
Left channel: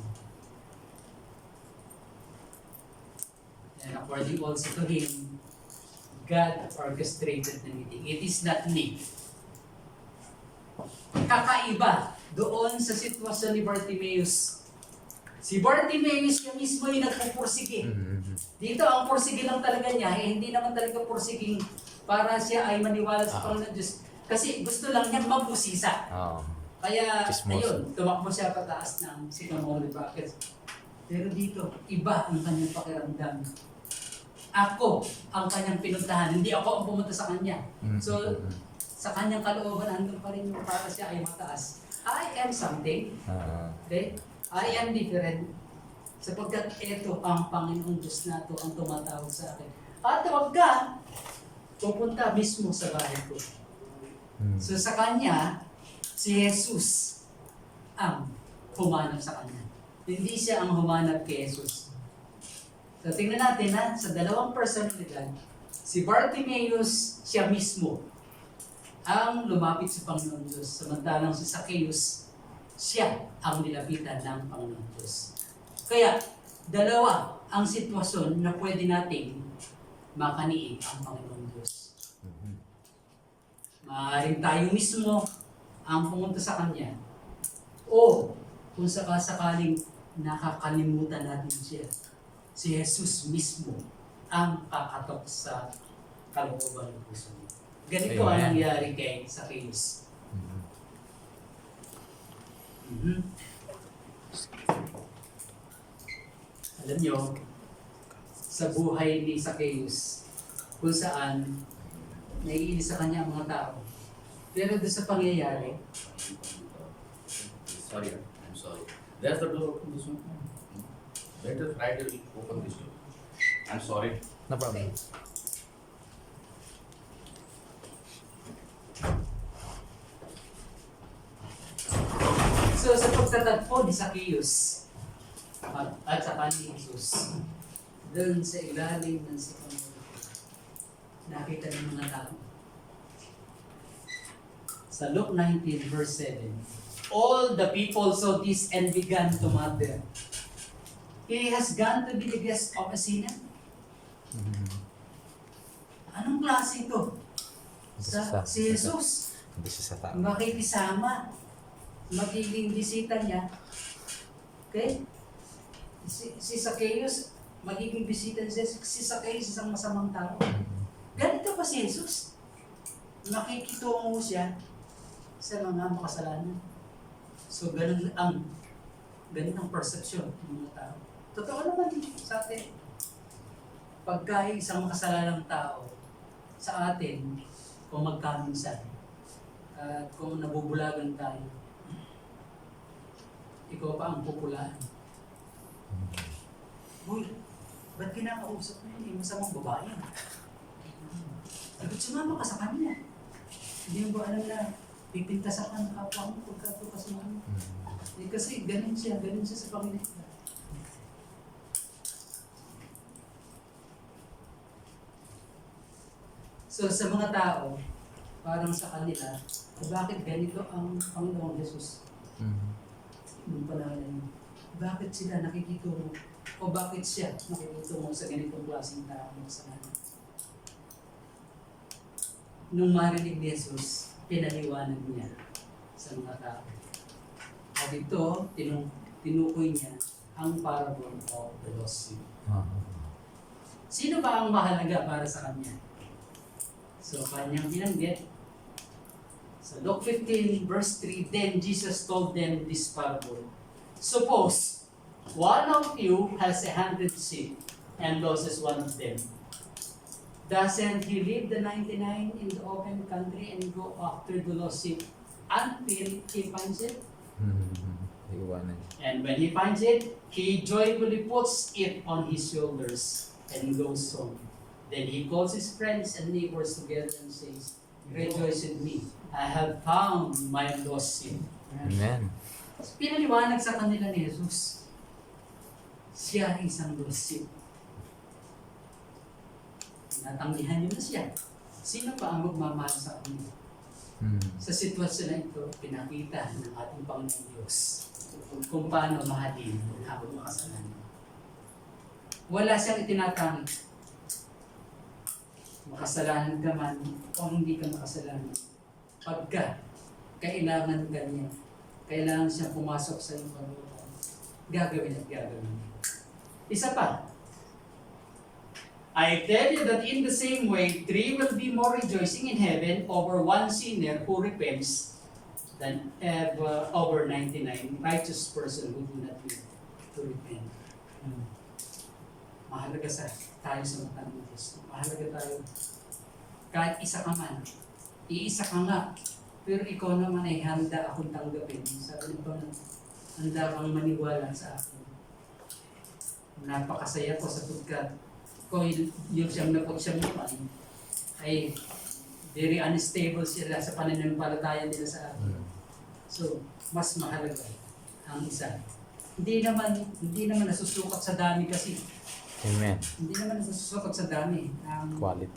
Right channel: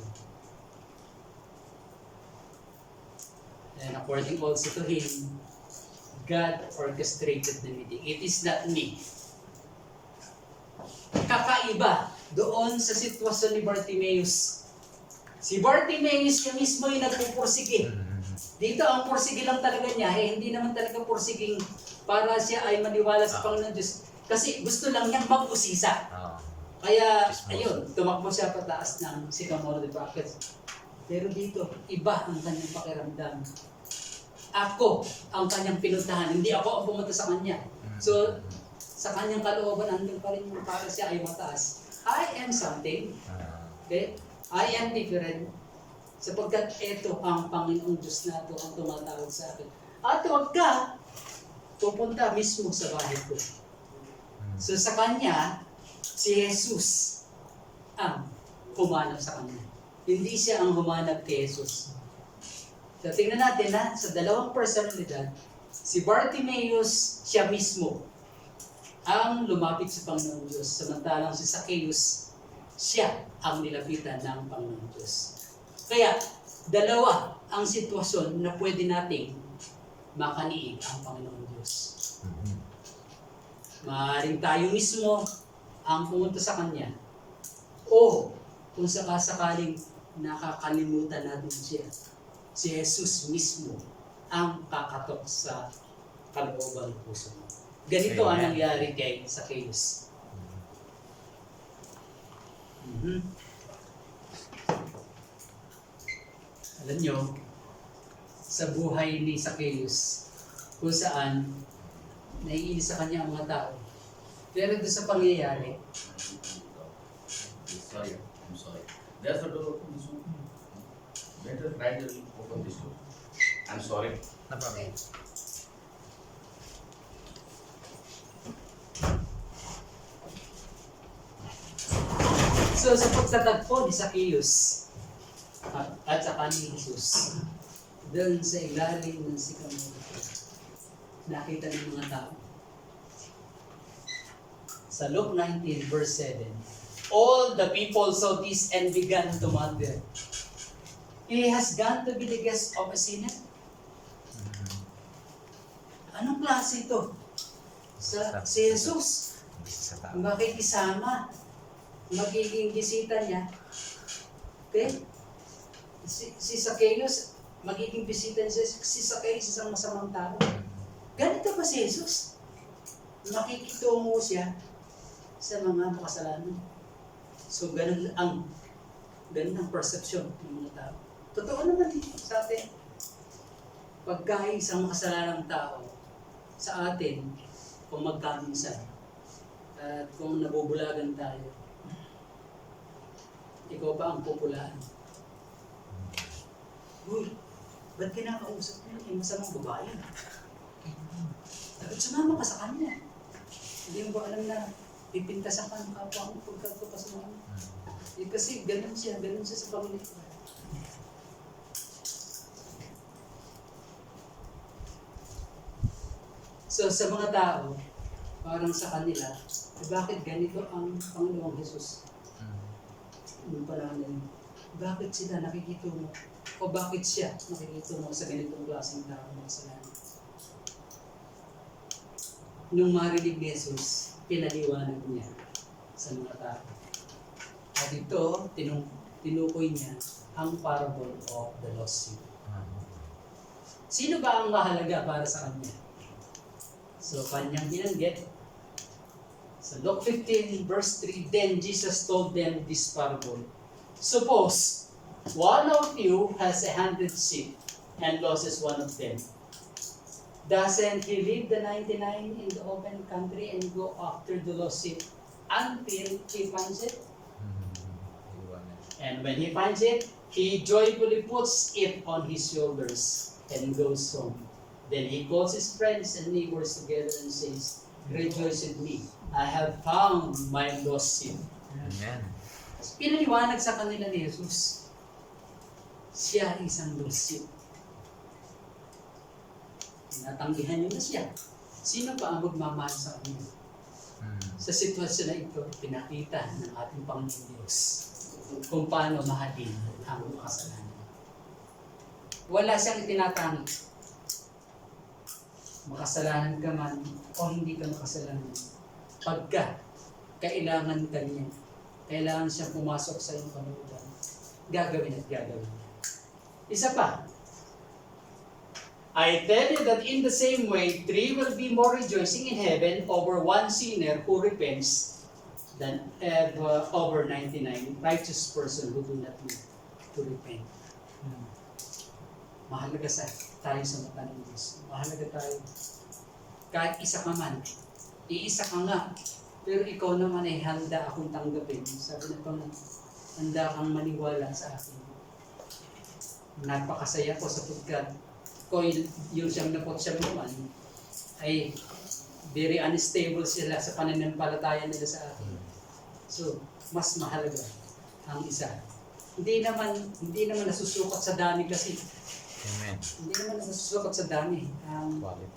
And according also to him, God orchestrated the meeting. It is not me. Kakaiba doon sa sitwasyon ni Bartimaeus. Si Bartimaeus siya mismo yung nagpupursige. Dito ang pursige lang talaga niya, hindi naman talaga pursiging para siya ay maniwala sa Panginoon Diyos. Kasi gusto lang niyang mag-usisa. Kaya, ayun, tumakbo siya pataas ng sycamore, diba? Pero dito, iba ang kanyang pakiramdam. Ako ang kanyang pinuntahan, hindi ako ang pumunta sa kanya. So, sa kanyang kalooban, andun pa rin yung para siya ay mataas. I am something. Okay? I am different. Sapagkat ito ang Panginoong Diyos na ito ang tumatawag sa akin. At huwag ka pupunta mismo sa bahay ko. So sa kanya, si Jesus ang humanap sa kanya. Hindi siya ang humanap kay Jesus. So tingnan natin na sa dalawang personalidad, si Bartimaeus siya mismo ang lumapit sa Panginoon Diyos. Samantalang si Zacchaeus, siya ang nilapitan ng Panginoon Diyos. Kaya, dalawa ang sitwasyon na pwede nating makaniig ang Panginoon Diyos. Maaaring tayo mismo ang pumunta sa Kanya. O, kung sakasakaling nakakalimutan natin siya, si Jesus mismo ang kakatok sa kalooban ng puso mo. Ganito ang nangyari kay Zacchaeus. Alam nyo, sa buhay ni Zacchaeus, kung saan naiinis sa kanya ang mga tao. Pero doon sa pangyayari, Sorry, I'm sorry. There's the door open this one. Better try to open this door. I'm sorry. No problem. So sa pagtatagpo ni Zacchaeus at saka ni Jesus, doon sa ilalim ng sikamoro, nakita ng mga tao. Sa Luke 19 verse 7, all the people saw this and began to mutter, "He has gone to be the guest of a sinner." Anong klase ito? Si Jesus, Bisa sa tao. makikisama, magiging bisita niya. Okay? Si Zacchaeus, magiging bisita niya. Si Zacchaeus, isang masamang tao. Ganito pa si Jesus. Makikitungo siya sa mga makasalanan. So, ganun ang perception ng mga tao. Totoo naman sa atin. Pagka isang makasalanang tao sa atin, kung magkaminsan, at kung nabubulagan tayo, ikaw pa ang pupulaan. Uy, ba't kinakausap mo yun? Masamang babae. Dapat sumama ka sa kanya. Hindi mo ba alam na pipintasan ka ng kapwa mo pagkatukas mo? Kasi ganun siya sa Panginoon. So sa mga tao, parang sa kanila, bakit ganito ang Panginoong Jesus? Nung panahon na yun, bakit sila nakikitungo? O bakit siya nakikitungo sa ganitong klaseng tao makasalanan? Nung marinig ni Jesus, pinaliwanag niya sa mga tao. At ito, tinukoy niya ang parable of the lost sheep. Sino ba ang mahalaga para sa kanya? So, kanyang binanggit. Sa Luke 15 verse 3, then Jesus told them this parable. Suppose one of you has 100 sheep and loses one of them. Doesn't he leave the 99 in the open country and go after the lost sheep until he finds it? And when he finds it, he joyfully puts it on his shoulders and goes home. Then he calls his friends and neighbors together and says, "Rejoice with me, I have found my lost sheep." Amen. Pinaliwanag sa kanila ni Jesus, siya isang lost sheep. Tinatanggihan niyo na siya. Sino pa ang magmamahal sa kanya? Sa sitwasyon na ito, pinakita ng ating Panginoon Diyos kung paano mahalin ang makasalanan. Wala siyang itinatangi. Makasalanan ka man o hindi ka makasalanan. Pagka kailangan ka niya, kailangan siyang pumasok sa iyong panutan, gagawin at gagawin. Isa pa, I tell you that in the same way, 3 will be more rejoicing in heaven over one sinner who repents than over 99 righteous person who do not need to repent. Mahalaga tayo sa mata ng Diyos. Mahalaga tayo. Kahit isa ka man, iisa ka nga, pero ikaw naman ay handa akong tanggapin. Sabi ng Panginoon, handa kang maniwala sa akin. Napakasaya ko sapagkat kung yung siyang napot-siyang naman ay very unstable sila sa pananampalataya nila sa atin. So, mas mahalaga ang isa. Hindi naman nasusukat sa dami kasi. Amen. Hindi naman nasusukat sa dami ang Quality.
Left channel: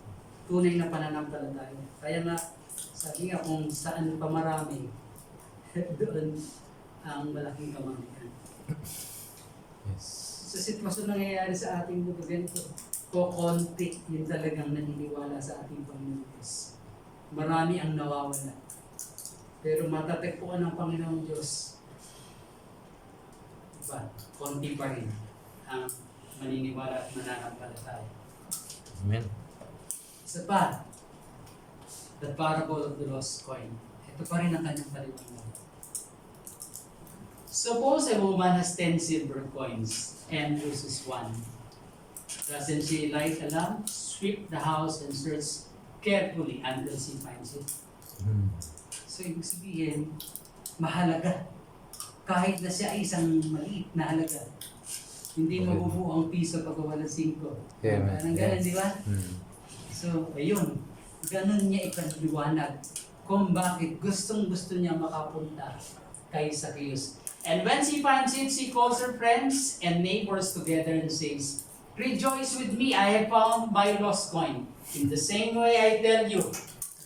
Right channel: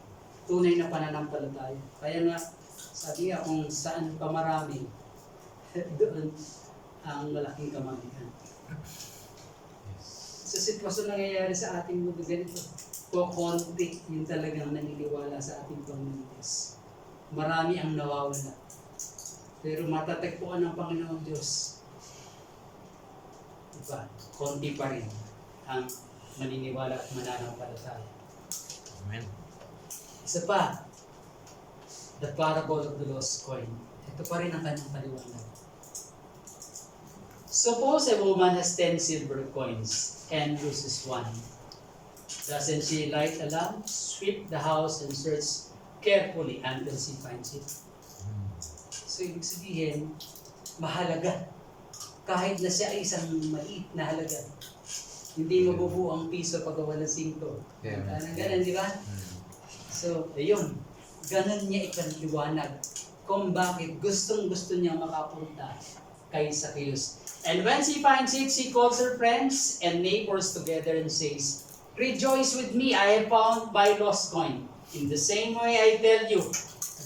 tunay na pananampalataya. Kaya nga, sabi nga kung saan pa marami, doon ang malaking kamalian. Yes. Sa sitwasyon na nangyayari sa ating mundo ganito, konti yung talagang naniniwala sa ating Panginoon Diyos. Marami ang nawawala. Pero matatagpuan ng Panginoon Diyos, diba? Konti pa rin ang maniniwala at mananampalataya. Amen. Isa pa, the parable of the lost coin. Ito pa rin ang kanyang paliwanag. Suppose a woman has 10 silver coins and loses one. Doesn't she light a lamp, sweep the house, and search carefully until she finds it? So, ibig sabihin, mahalaga. Kahit na siya ay isang maliit na halaga. Hindi mabubuo ang piso pag wala 5. Yeah, Parang ganun, di ba? So, ayun. Ganun niya ipaliwanag kung bakit gustong-gusto niya makapunta kay Zacchaeus. And when she finds it, she calls her friends and neighbors together and says, "Rejoice with me, I have found my lost coin. In the same way, I tell you,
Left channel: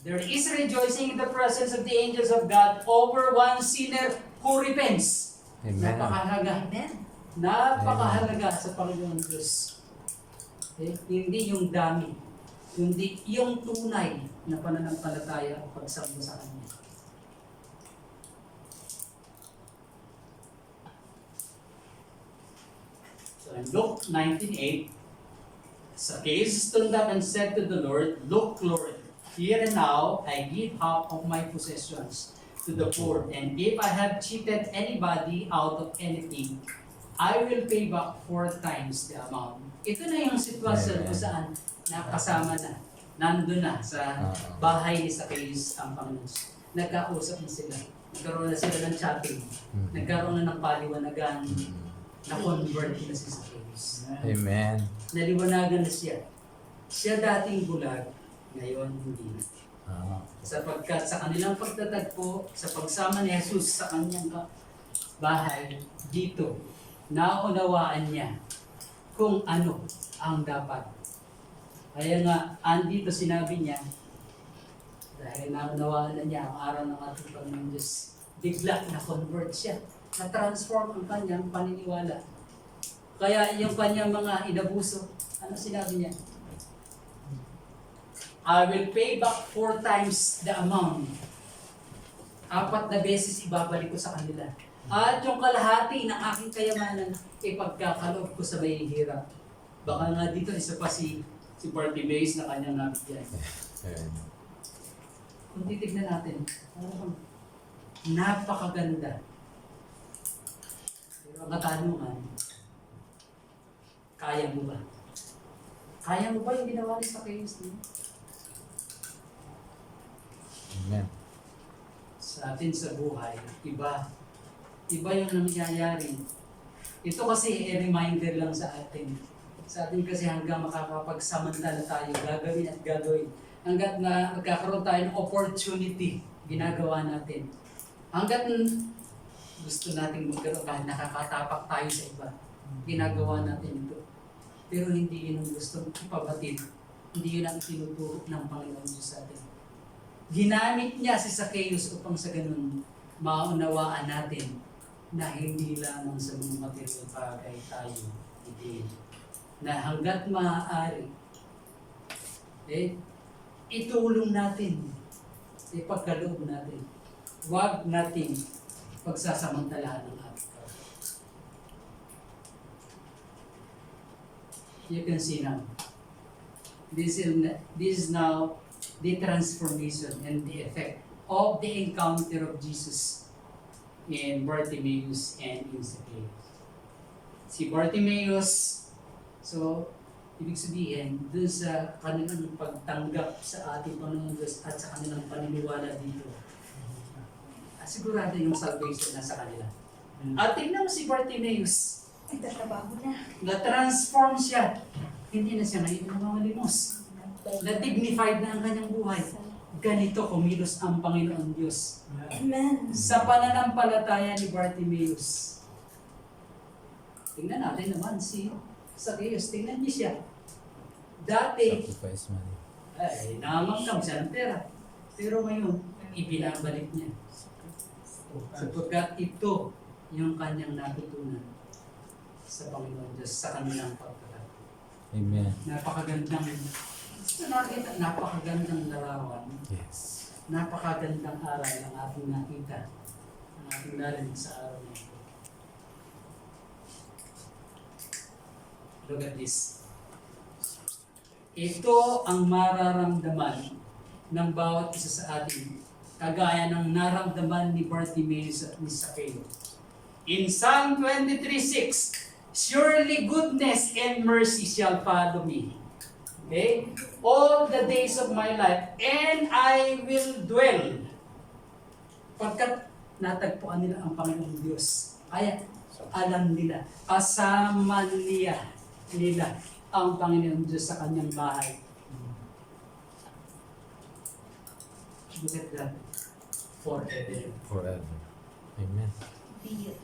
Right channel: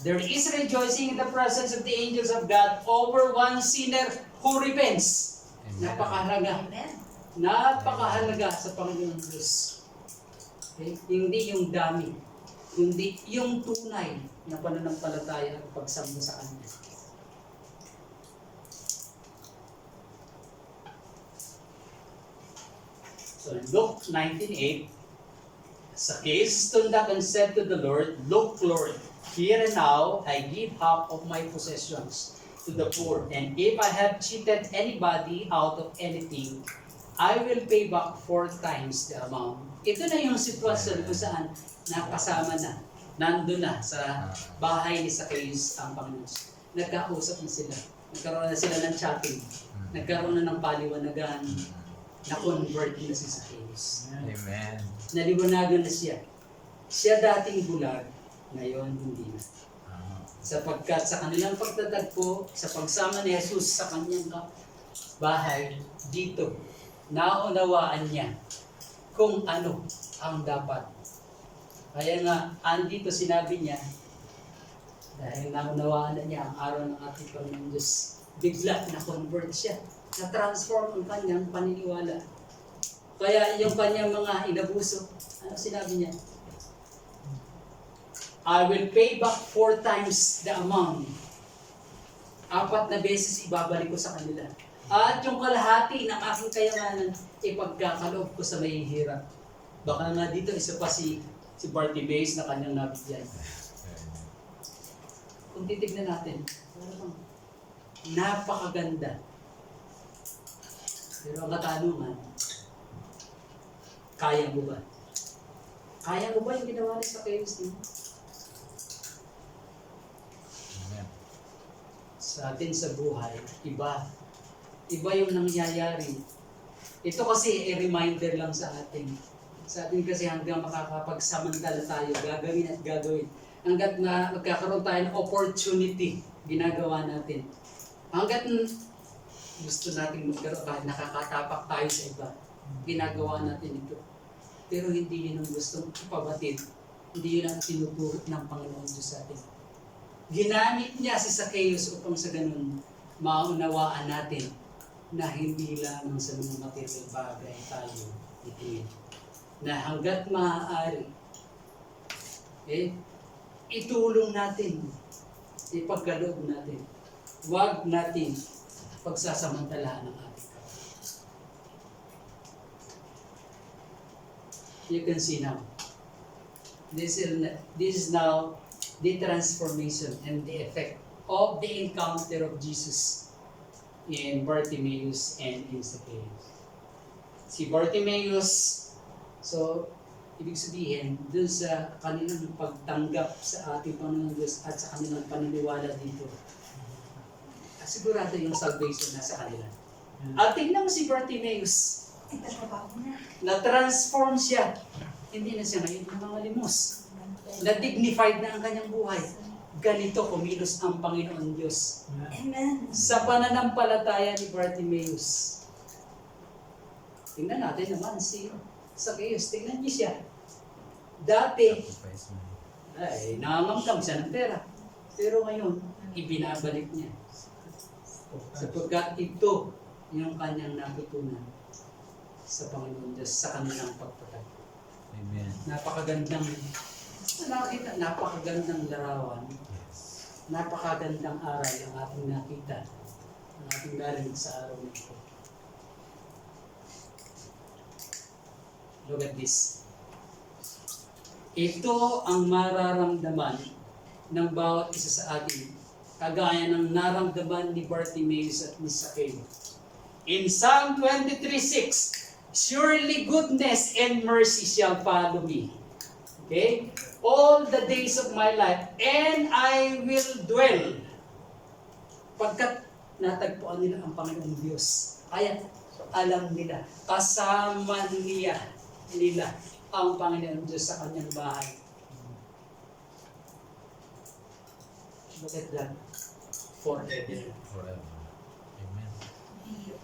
there is rejoicing in the presence of the angels of God over one sinner who repents." Amen. Napakahalaga. Amen. Napakahalaga sa Panginoon Diyos. Okay? Hindi yung dami, kundi yung tunay na pananampalataya at pagsamba sa Kanya. So in Luke 19:8, Zacchaeus stood up and said to the Lord, "Look, Lord, here and now I give half of my possessions to the poor, and if I have cheated anybody out of anything, I will pay back 4 times the amount." Ito na yung sitwasyon kung saan nakasama na, nandun na sa bahay ni Zacchaeus ang Panginoon. Nagkausap na sila. Nagkaroon na sila ng chatting. Nagkaroon na ng paliwanagan. Na-convert na si Zacchaeus. Amen. Naliwanagan na siya. Siya dating bulag, ngayon hindi na. Sapagkat sa kanilang pagtatagpo, sa pagsama ni Jesus sa kanyang bahay, dito, naunawaan niya kung ano ang dapat. Kaya nga, andito sinabi niya, dahil naunawaan na niya ang araw ng ating Panginoon Diyos, bigla na-convert siya. Na-transform ang kanyang paniniwala. Kaya yung kanyang mga inabuso, ano sinabi niya? I will pay back 4 times the amount. 4 na beses ibabalik ko sa kanila. At yung kalahati ng aking kayamanan, ipagkakaloob ko sa mahihirap. Baka nga dito isa pa si Bartimaeus na kanyang nabigyan. Kung titignan natin, parang napakaganda. Pero ang katanungan, kaya mo ba? Kaya mo ba yung ginawa ni Zacchaeus niya? Amen. Sa atin sa buhay, iba yung nangyayari. Ito kasi reminder lang sa atin. Sa atin kasi hanggang makakapagsamantala tayo, gagawin at gagawin. Hanggat na magkakaroon tayo ng opportunity, ginagawa natin. Hanggat gusto natin magkaroon, kahit nakakatapak tayo sa iba, ginagawa natin ito. Pero hindi yun ang gustong ipabatid. Hindi yun ang tinuturo ng Panginoon Diyos sa atin. Ginamit niya si Zacchaeus upang sa ganun, maunawaan natin na hindi lamang sa mga material bagay tayo itingin. Na hanggat maaari, itulong natin, ipagkaloob natin. Huwag natin pagsasamantalaan ng ating kapatid. You can see now. This is now the transformation and the effect of the encounter of Jesus in Bartimaeus and in Zacchaeus. Si Bartimaeus, so ibig sabihin, dun sa kanilang pagtanggap sa ating Panginoon Diyos at sa kanilang paniniwala dito, sigurado yung salvation nasa kanila. At tingnan mo si Bartimaeus, Nagtatrabaho na. na-transform siya. Hindi na siya ngayon nangangalimos. Na-dignified na ang kanyang buhay. Ganito kumilos ang Panginoon Diyos. Amen. Sa pananampalataya ni Bartimaeus. Tingnan natin naman si Zacchaeus. Tingnan niyo siya. Dati, Sacrifice man. ay, nangangamkam siya ng pera. Pero ngayon, ibinabalik niya. Sapagkat ito yung kanyang natutunan sa Panginoon Diyos, sa kanilang pagtatagpo. Amen. Napakagandang larawan. Yes. Napakagandang aral ang ating nakita, ang ating narinig sa araw na ito. Look at this. Ito ang mararamdaman ng bawat isa sa atin, kagaya ng naramdaman ni Bartimaeus at ni Zacchaeus. In Psalm 23:6, surely goodness and mercy shall follow me. Okay? All the days of my life, and I will dwell. Pagkat natagpuan nila ang Panginoong Diyos, kaya alam nila, kasama nila ang Panginoong Diyos sa kanyang bahay. Look at that. Forever. Forever. Amen. Be it.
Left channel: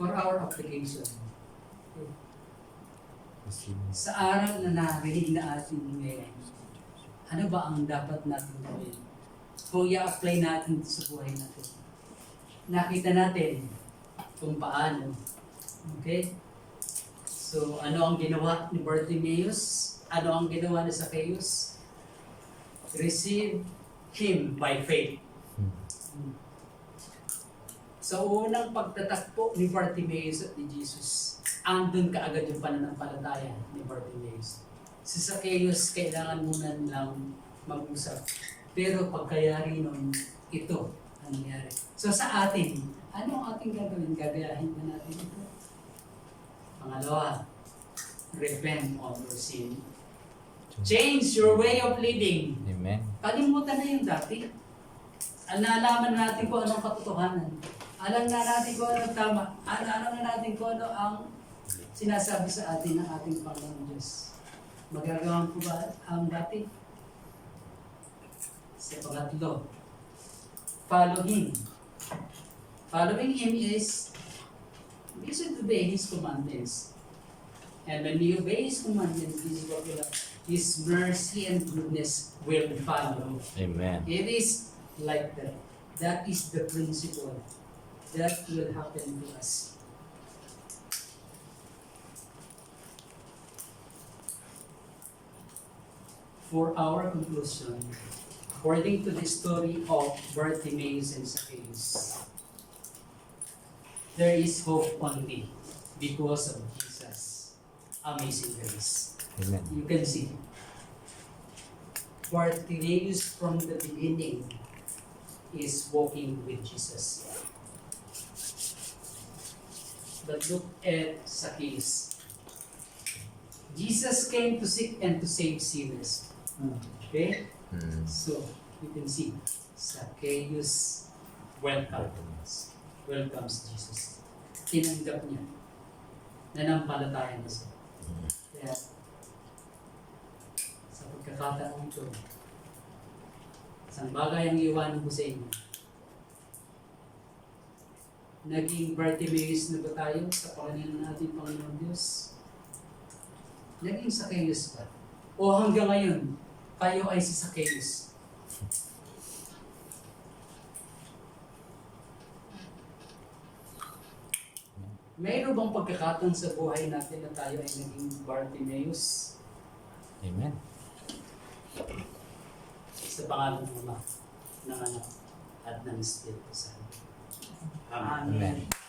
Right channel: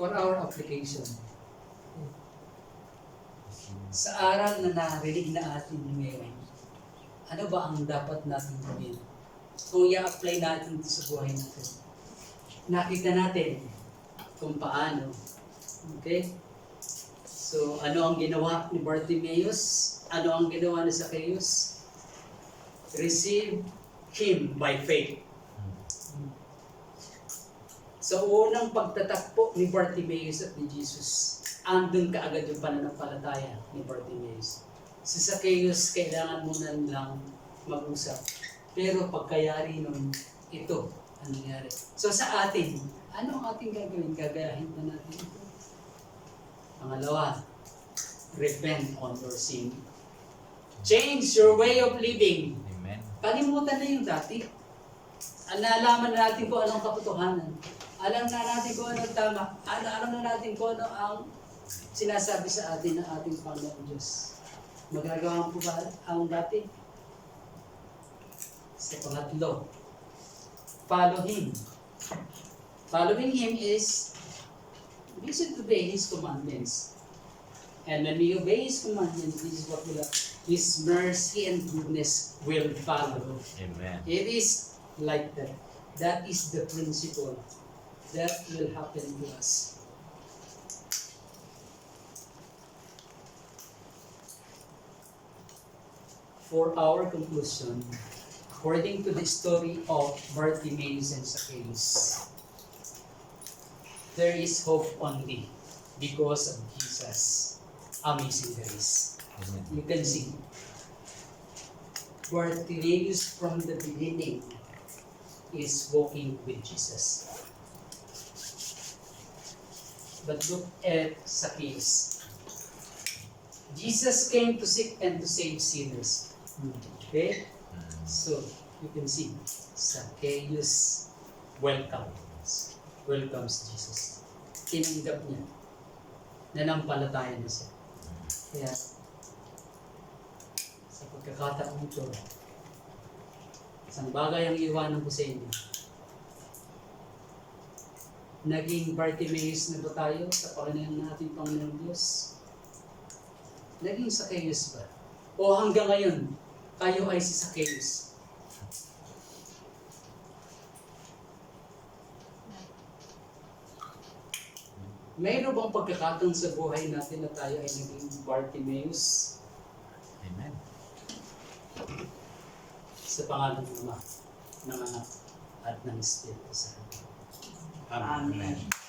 For our application, Receive. sa aral na narinig na atin ngayon, ano ba ang dapat natin gawin? Kung i-apply natin sa buhay natin. Nakita natin kung paano. Okay? So, ano ang ginawa ni Bartimaeus? Ano ang ginawa ni Zacchaeus? Receive him by faith. Sa unang pagtatakpo ni Bartimaeus at ni Jesus, andun kaagad yung pananampalataya ni Bartimaeus. Si Zacchaeus, kailangan muna nilang mag-usap. Pero pagkayari nun, ito ang nangyari. So sa atin, ano ang ating gagawin? Gagayahin na natin ito. Pangalawa, repent on your sin. Change your way of living. Amen. Kalimutan na yung dati. Nalaman natin kung anong katotohanan. Alam na natin kung anong tama. Alam na natin kung ano ang sinasabi sa atin ng ating Panginoon Diyos. Magagawa po ba ang dati? Sa pangatlo, follow Him. Following Him is listen to obey His commandments. And when we obey His commandments, this is what will happen. His mercy and goodness will follow. Amen. It is like that. That is the principle that will happen to us. For our conclusion, according to the story of Bartimaeus and Zacchaeus, there is hope only because of Jesus' amazing grace. Amen. You can see Bartimaeus from the beginning is walking with Jesus. But look at Zacchaeus. Jesus came to seek and to save sinners. Okay? So, you can see Zacchaeus welcomes Jesus. Tinanggap niya. Nanampalataya na siya. Kaya, sa pagkakataon ito, isang bagay ang iwanan ko sa inyo. Naging Bartimaeus na ba tayo sa Panginoon natin, Panginoon Diyos? Naging Zacchaeus ba? O hanggang ngayon, kayo ay si Zacchaeus? Mayroon bang pagkakataon sa buhay natin na tayo ay naging Bartimaeus? Amen. Sa pangalan ng Ama, ng Anak, at ng Espiritu Santo. Amen. Amen.